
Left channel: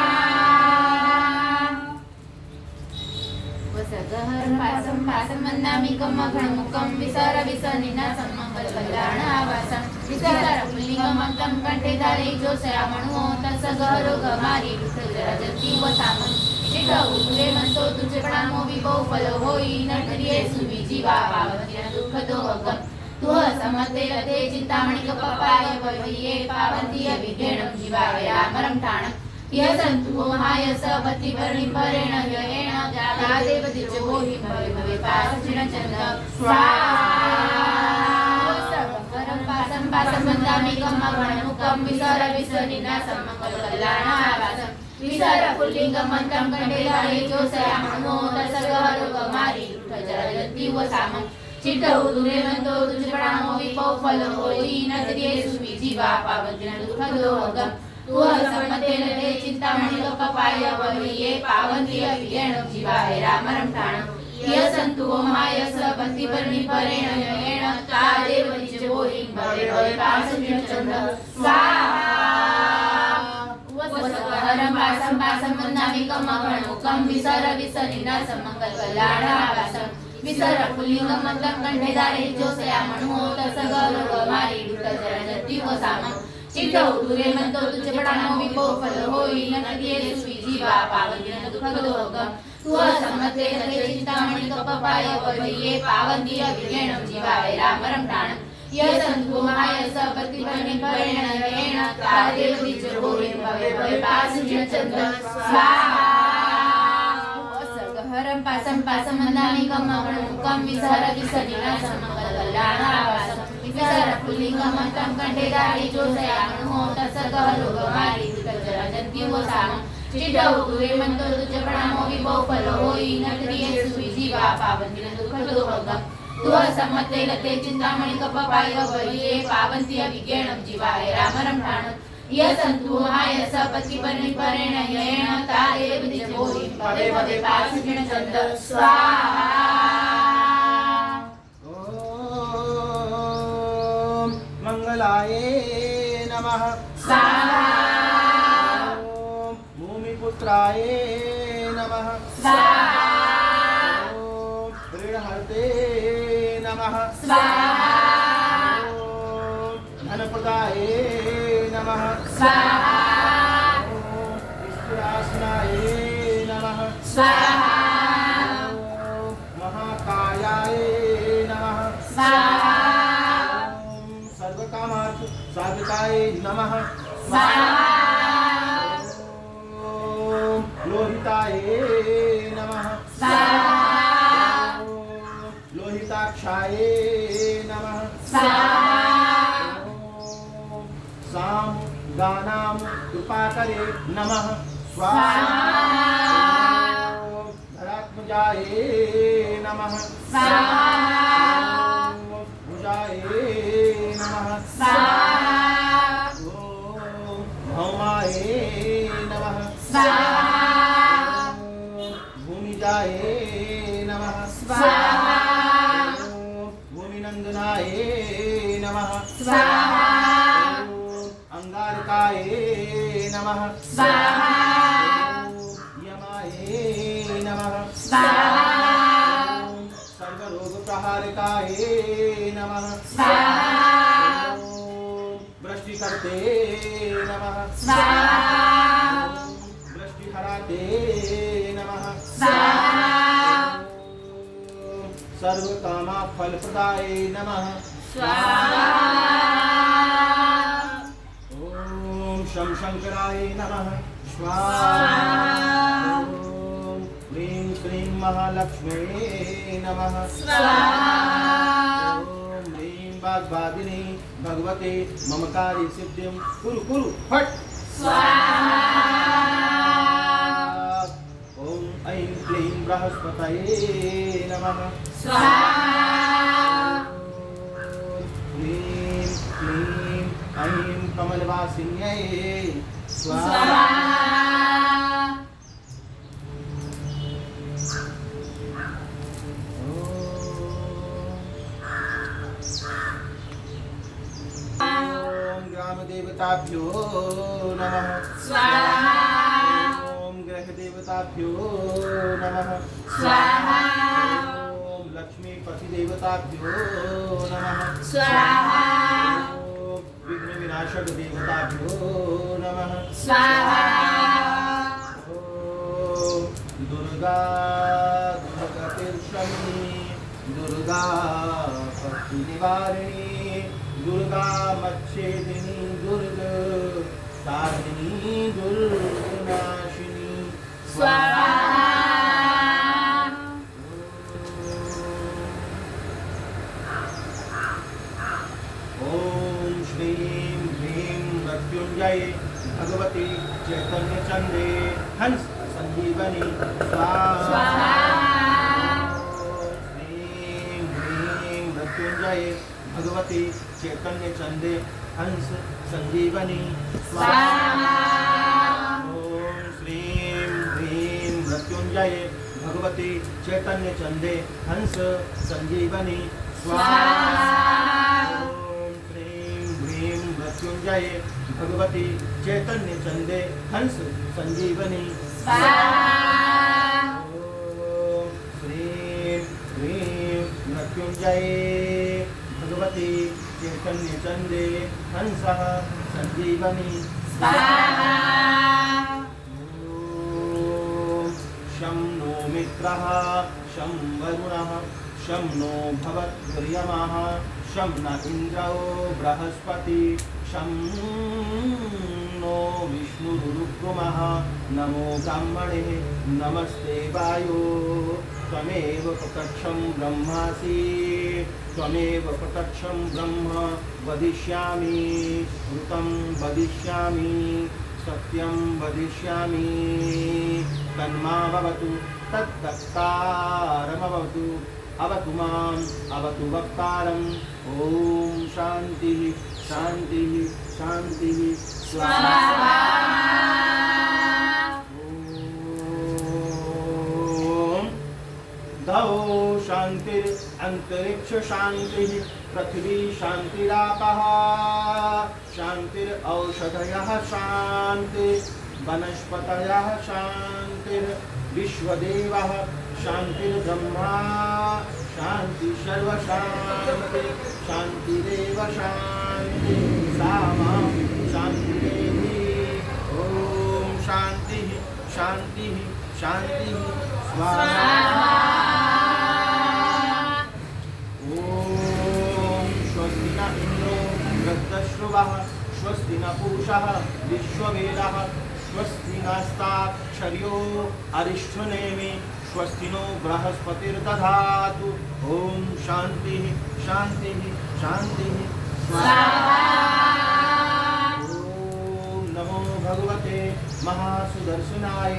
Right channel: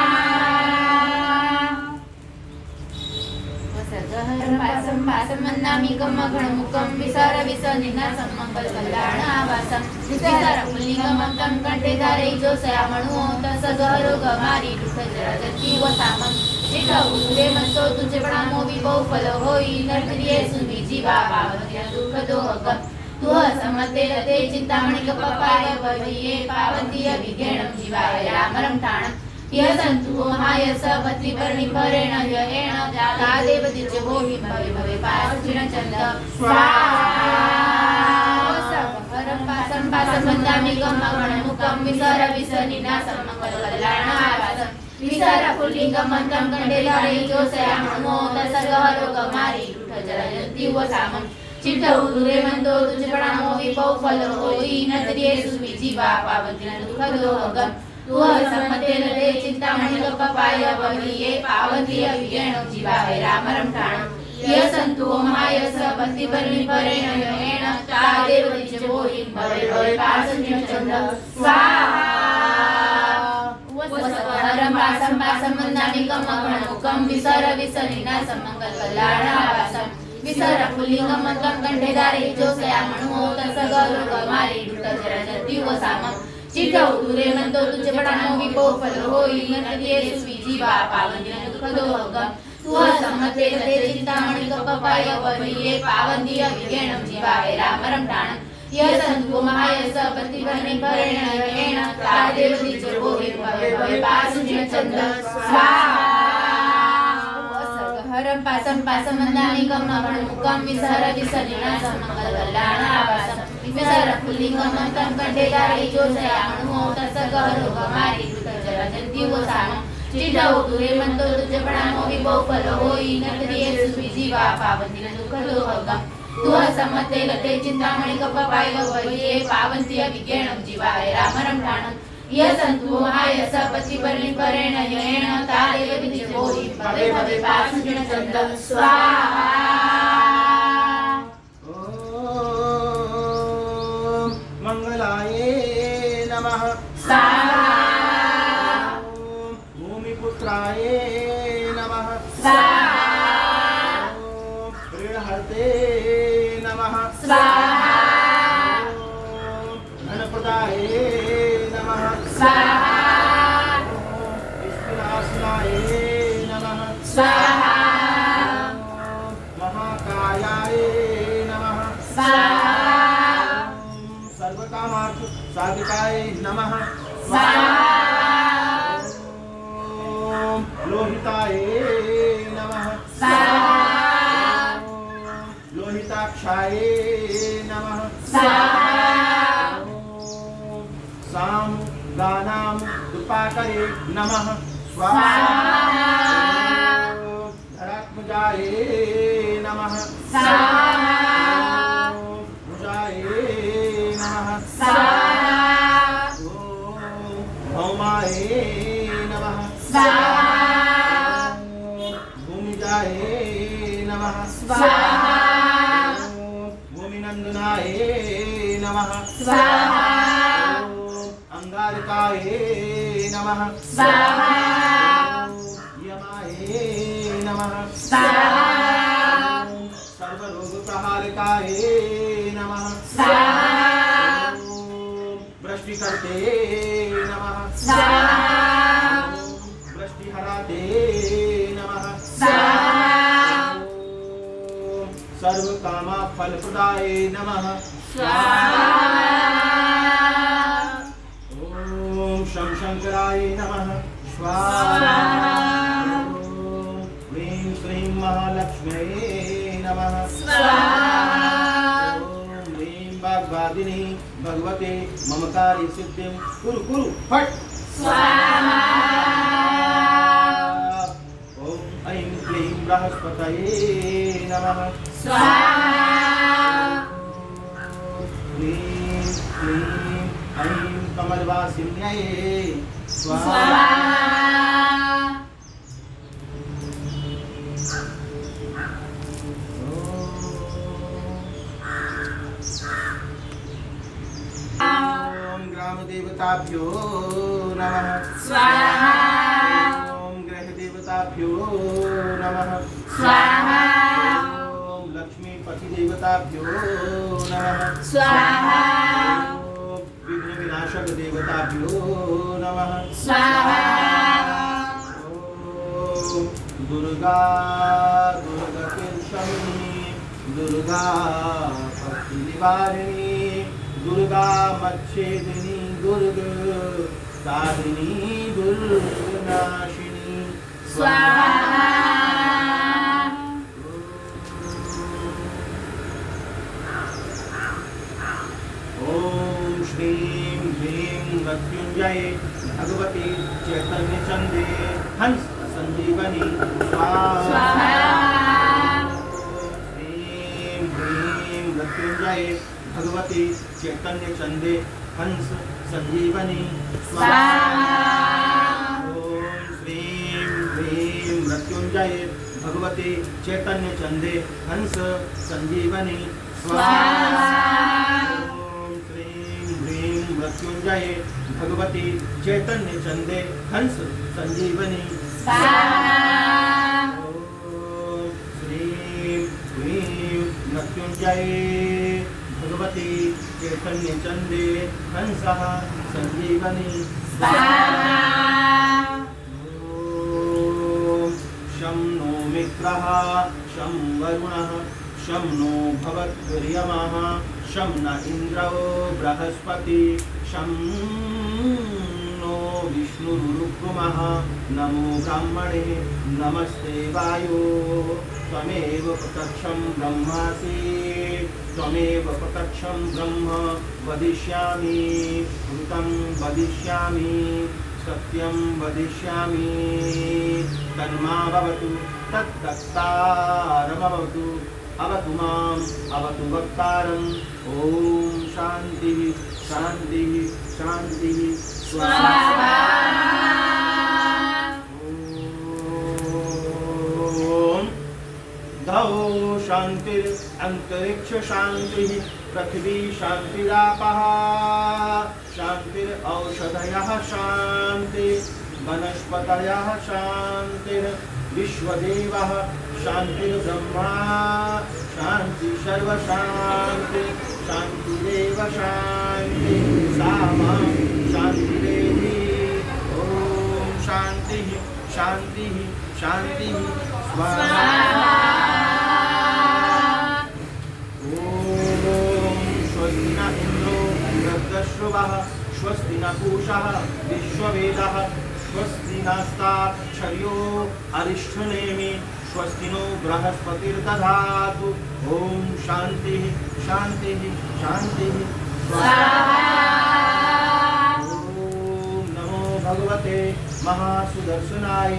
वसगहरं पासं पासं वन्दामि गमगणमुखं विसार विसनिनासं मङ्गलकल्याणावासं विसारपुल्लिङ्गमन्तं कण्ठे धारे जोषयामणो तसगहरो गमारी दुःखजराजती वसामं शिखौरे मनतो तुझे प्रणामो विभो फल होई नरकरिये सुमी जीवा पावत्य दुःख दोहगम तुह समते रते चिंतामणि कपाय वहिये पावतीय विघेणं जीवाय रामरं ठाणं यह संतु महाय सपति वर्णि परेण जयेण जाता देव दिच भोवि भवे भवे पासुचिण चंद स्वाहा सर्वकरं पासं पासं वन्दामि गमगणमुखं विसर विसनिनासं मङ्गलकल्याणावासं विसर पुल्लिङ्गमन्तं कण्ठे धारे जोषयामणो तसगहरो गमारी दुःखजराजती वसामं चित्तौदुरे मन्दो तुझे प्रणामो विभो फल होई नदरिये सुमी जीवा पावतीय दुःख दोहगम तुह समते रते चिंतामणि कपाय वहिये पावतीय विघेणं जीवाय रामरं ठाणं यह संतु महाय सपति वर्णि परेण जयेण तादेव दिच भोवि भवे भवे पासुचिण चंद स्वाहा वसवहरं पासं पासं वन्दामि गमगणमुखं विसर विसनिनासं मङ्गलकल्याणावासं विसर पुल्लिङ्गमन्तं कण्ठे धारे जोषयामणो तसगहरो गमारी दुःखजराजती वसामं चित्तौदुरे मन्दो तुझे प्रणामो विभो फल होई नरकरिये सुमी जीवा पावतीय दुःख दोहगम तुह समते रते चिंतामणि कपाय वहिये पावतीय विघेणं जीवाय रामरं ठाणं यह संतो महाय सपति वर्णि परेण जयेण तादेव दिच भोवि भवे भवे पासुचिण चंद स्वाहा वसगहरं पासं पासं वन्दामि गमगणमुखं विसर विसनिनासं मङ्गलकल्याणावासं विसर पुल्लिङ्गमन्तं कण्ठे धारे जोषयामणो तसगहरो गमारी दुःखजराजती वसामं चित्तौदुरे मन्दो तुझे प्रणामो विभो फल होई नरकरिये सुमी जीवा पावतीय दुःख दोहगम तुह समते रते चिंतामणि कपाय वहिये पावतीय विघेणं जीवाय रामरं ठाणं यह संतु महाय सपति वर्णि परेण जयेण तादेव दिच भोवि भवे भवे पासुचिण चंद स्वाहा मंगलाय नमः स्वाहा भूमिपुत्राय नमः स्वाहा ऋणहर्ते नमः स्वाहा धनप्रदाय नमः स्वाहा ईश्वरासनाय नमः स्वाहा महाकायाय नमः स्वाहा सर्वकामार्थ साधिकाय नमः स्वाहा लोहिताय नमः स्वाहा लोहिताक्षाय नमः स्वाहा साम गानां कृपाकरे नमः स्वाहा धरात्मजाय नमः स्वाहा भुजाय नमः स्वाहा भौमाय नमः स्वाहा भूमिजाय नमः स्वाहा भूमिनन्दनाय नमः स्वाहा अंगारकाय नमः स्वाहा यमाय नमः स्वाहा सर्वरोगप्रहारकाय नमः स्वाहा वृष्टिकर्ते नमः स्वाहा वृष्टिहराते नमः स्वाहा सर्वकामा फलप्रदाय नमः स्वाहा ओम शं शंकराय नमः स्वाहा ओम ह्रीं श्रीं महालक्ष्म्यै नमः स्वाहा ओम ह्रीं वाग्वादिनी भगवते मम काली सिद्धिं कुरु कुरु फट् स्वाहा ॐ ऐं क्लीं बृहस्पतये नमः स्वाहा ह्रीं क्लीं ऐं कमलवासिन्यै स्वाहा ॐ ग्रामदेवताभ्यो नमः स्वाहा ॐ ग्रहदेवताभ्यो नमः स्वाहा ॐ लक्ष्मीपतिदेवताभ्यो नमः स्वाहा ॐ विघ्नविनाशक देवताभ्यो नमः स्वाहा ॐ दुर्गा दुर्गतिर्शमिनी दुर्गा भक्तिनिवारिणी दुर्गा मच्छेदिनी दुर्ग साधिनी दुर्गनाशिनी स्वाहा ॐ श्रीं ह्रीं मृत्युञ्जये भगवती चैतन्यचन्दे हंस संजीवनी स्वाहा ॐ श्रीं ह्रीं मृत्युञ्जये भगवती चैतन्यचन्दे हंस संजीवनी स्वाहा ॐ श्रीं ह्रीं मृत्युञ्जये भगवती चैतन्यचन्दे हंस संजीवनी स्वाहा ॐ श्रीं ह्रीं मृत्युञ्जये भगवती चैतन्यचन्दे हंस संजीवनी स्वाहा ॐ श्रीं ह्रीं मृत्युञ्जये भगवती चैतन्यचन्दे हंसः संजीवनी स्वाहा ॐ शं नो मित्रः शं वरुणः शं नो भवद्वर्यमः शं न इन्द्रो बृहस्पति शं नो विष्णुरुक्रमः नमो ब्राह्मणे नमस्ते वायो त्वमेव प्रत्यक्षं ब्रह्मासि त्वमेव प्रत्यक्षं ब्रह्म वदिष्यामि ऋतं वदिष्यामि सत्यं वदिष्यामि तन्मावतु तद्वक्तारमवतु अवतु माम् अवतु वक्तारम् ॐ शान्तिः शान्तिः शान्तिः स्वाहा ॐ धौ शान्तिर् अन्तरिक्ष शान्तिः पृथिवी शान्तिरापः शान्तिरौषधयः शान्ति वनस्पतयः शान्तिर्विश्वदेवः शान्तिर्ब्रह्मा शान्ति सर्वशान्ति शान्तिरेव शान्ति सामा शान्तिरेधि ॐ शान्तिः शान्तिः शान्तिः स्वाहा ॐ स्वस्ति न इन्द्रो वृद्धश्रुवः स्वस्ति न पूषः विश्ववेदः स्वस्ति नस्ताक्षर्यो अरिष्ठनेमि स्वस्ति नो बृहस्पतिर्दधातु ॐ शान्तिः शान्तिः शान्तिः स्वाहा ॐ नमो भगवते महासुदर्शनाय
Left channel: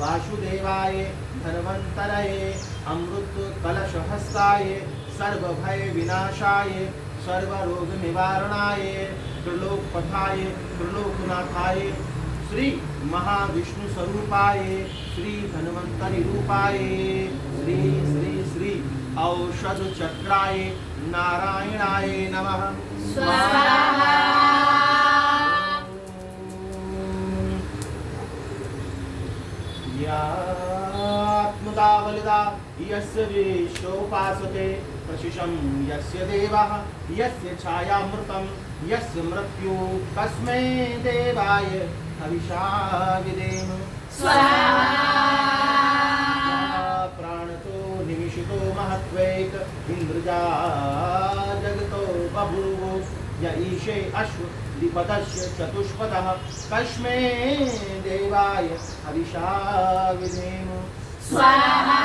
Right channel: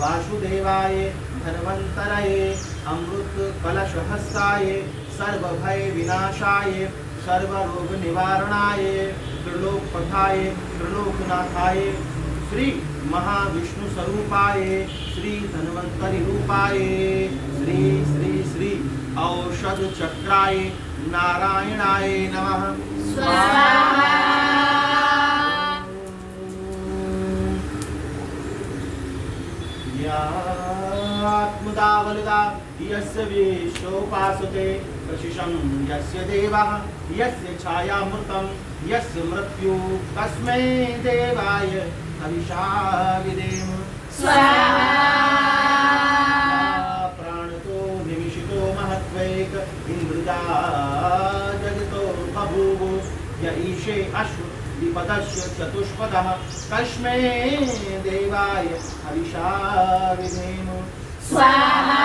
वासुदेवाय धन्वन्तरये अमृतकलशहस्ताय सर्वभयविनाशाय सर्वरोगनिवारणाय त्रिलोकपथाय त्रिलोकनाथाय श्री महाविष्णु स्वरूपाय श्री धन्वंतरि रूपाय श्री श्री श्री औषध चक्राय नारायणाय नमः स्वाहा यात्मदावलदा यस्य विश्वोपासते प्रशिशं यस्य देवः यस्य छायामृतं यस्य मृत्यु तस्मै देवाय हविषा विदेम स्वाहा प्राणतो निमिषितो महत्वैक इन्द्रजा जगतो बभूव य ईशे अश्व विपदस्य चतुष्पदः तस्मै देवाय हविषा विदेम स्वाहा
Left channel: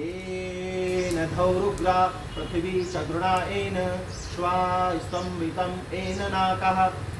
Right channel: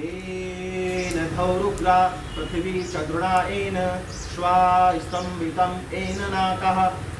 येन धौरुग्रा पृथिवी चतुर्णा येन श्वा स्तम्भितं येन नाकः